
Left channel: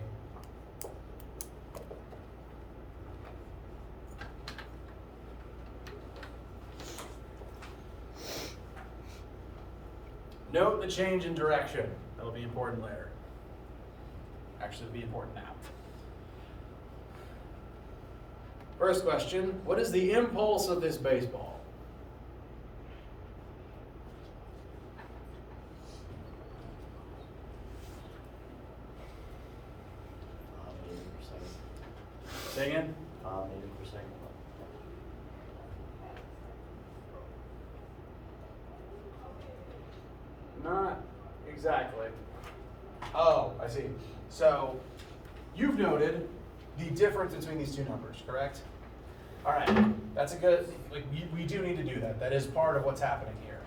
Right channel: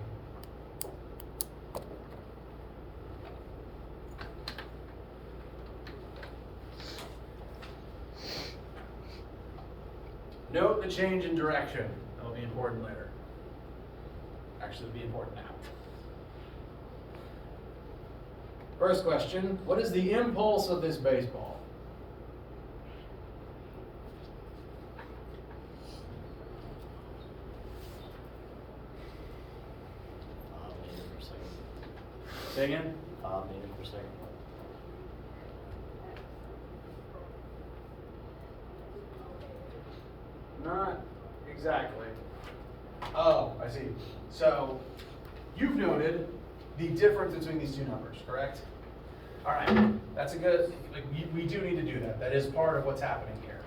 Note the change in direction. That'll be important later. Actually, it'll be important now. First question, what is the impulse of this baseball? 80%. Say again? 80%. Not exactly. Oh, I see. So you've noted the difference between these two numbers, correct? All right, that's a good, we do need to do that. That is part of what's happening here.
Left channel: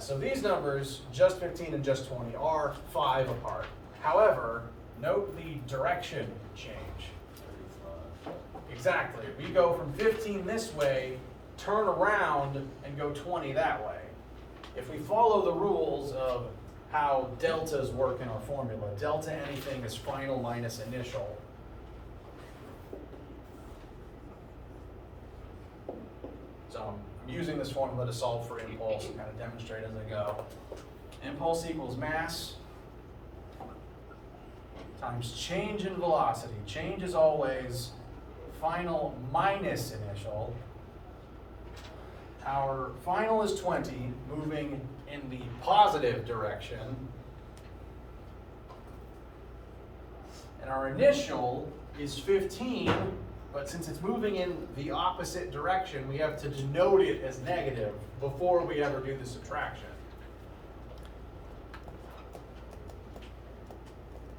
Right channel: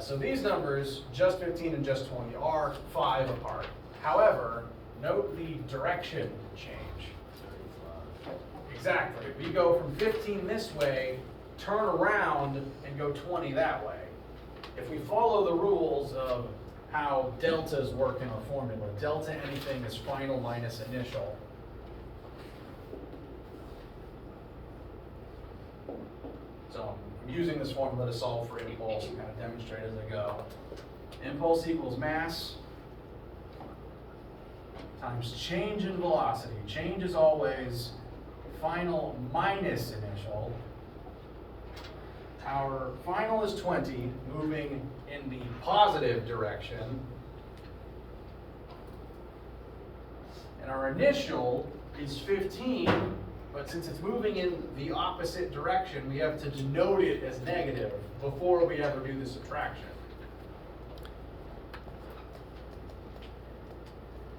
So these numbers, just 15 and just 20, are 5 apart. However, note the direction change. 35. Exactly. We go from 15 this way, turn around, and go 20 that way. If we follow the rules of how deltas work in our formula, delta anything is final minus initial. So I'm using this formula to solve for impulse and kind of demonstrate as I go. Impulse equals mass times change in velocity. Change is always final minus initial. Our final is 20, moving in the positive direction. And our initial is 15, but since it's moving in the opposite direction, we have to denote it as negative before we ever do the subtraction.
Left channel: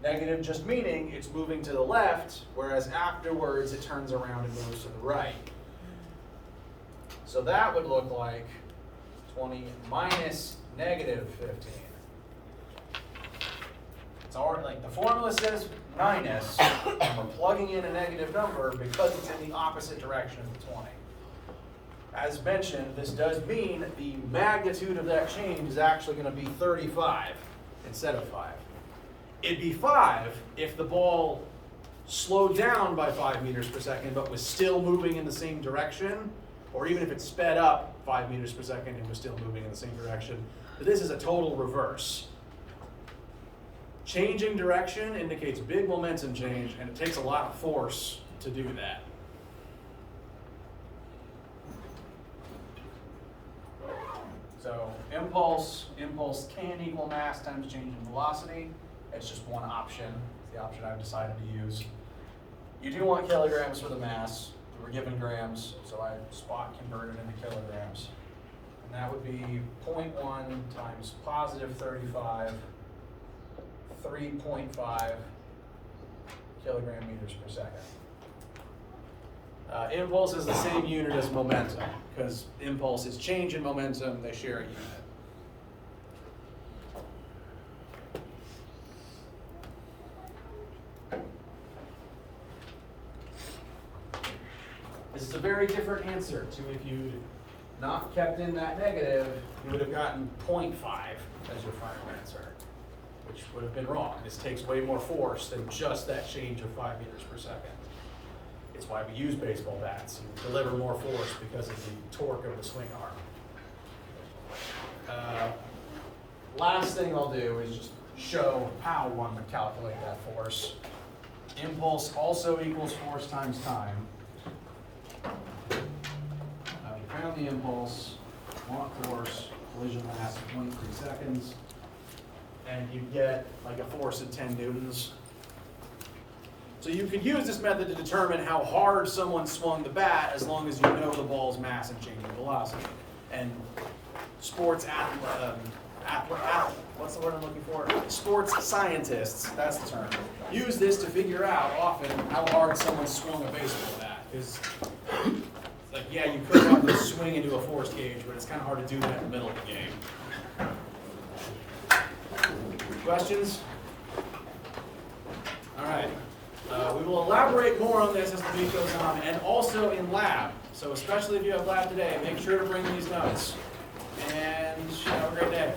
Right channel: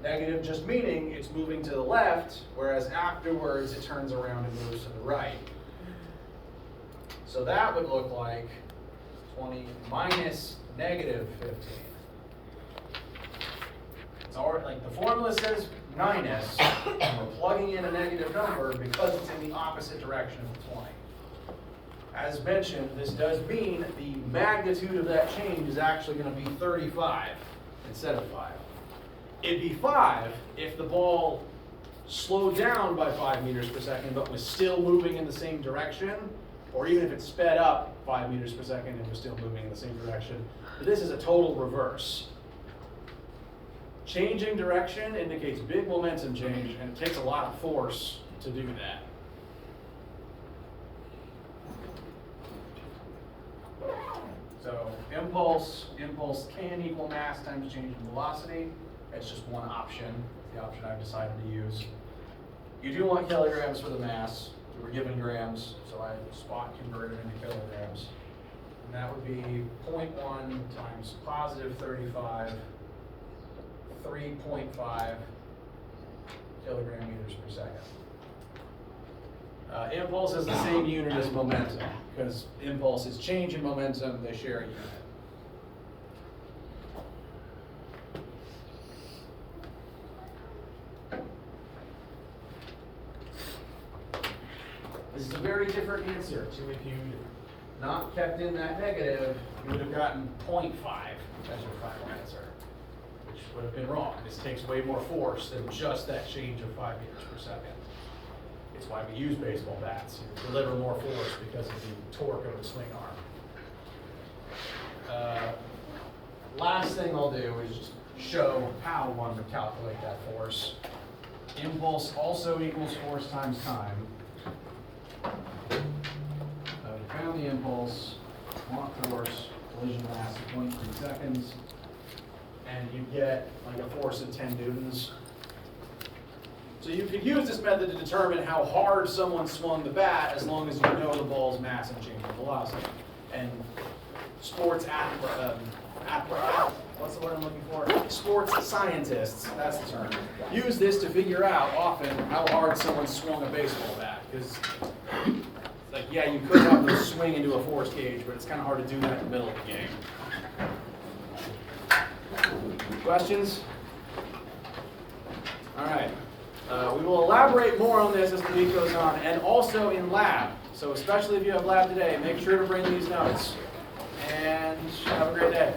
Negative just meaning it's moving to the left, whereas afterwards it turns around and moves to the right. So that would look like 20 minus negative 15. It's already, like the formula says minus, and we're plugging in a negative number because it's in the opposite direction of 20. As mentioned, this does mean the magnitude of that change is actually going to be 35 instead of 5. It'd be 5 if the ball slowed down by 5 meters per second, but was still moving in the same direction, or even if it sped up 5 meters per second and was still moving in the same direction. But this is a total reverse. Changing direction indicates big momentum change, and it takes a lot of force to do that. So impulse can equal mass times change in velocity. It's just one option. It's the option I've decided to use. You do want kilograms for the mass. We were given grams, so I spot converted into kilograms. And that would be 0.1 times positive 35, 3.5 kilogram meters per second. Impulse is the same unit as momentum, because impulse is change in momentum, they share a unit. This is a very different answer to if you'd not kept in that negative, you would have gotten 0.5 as your final answer, which would have been wrong. This takes way more force than just that change of 5 meters per second. It's why we use baseball bats. You deliver more force because of the torque of the swing arm. Last thing I'll do is just show how one would calculate that force. Impulse also equals force times time. Found the impulse, want force, collision mass of 23 seconds, and you get like a force of 10 newtons. So you could use this method to determine how hard someone swung the bat as long as you know the ball's mass and change in velocity. And sports what's the word I'm looking for? Sports scientists, that's the term, use this to figure out often how hard someone swung a baseball bat. Because like, yeah, you could have them swing into a force gauge, but it's kind of hard to do that in the middle of the game. Questions? All right. We will elaborate more on this as the week goes on, and also in lab. So especially if you have lab today, make sure to bring these notes. And have a great day.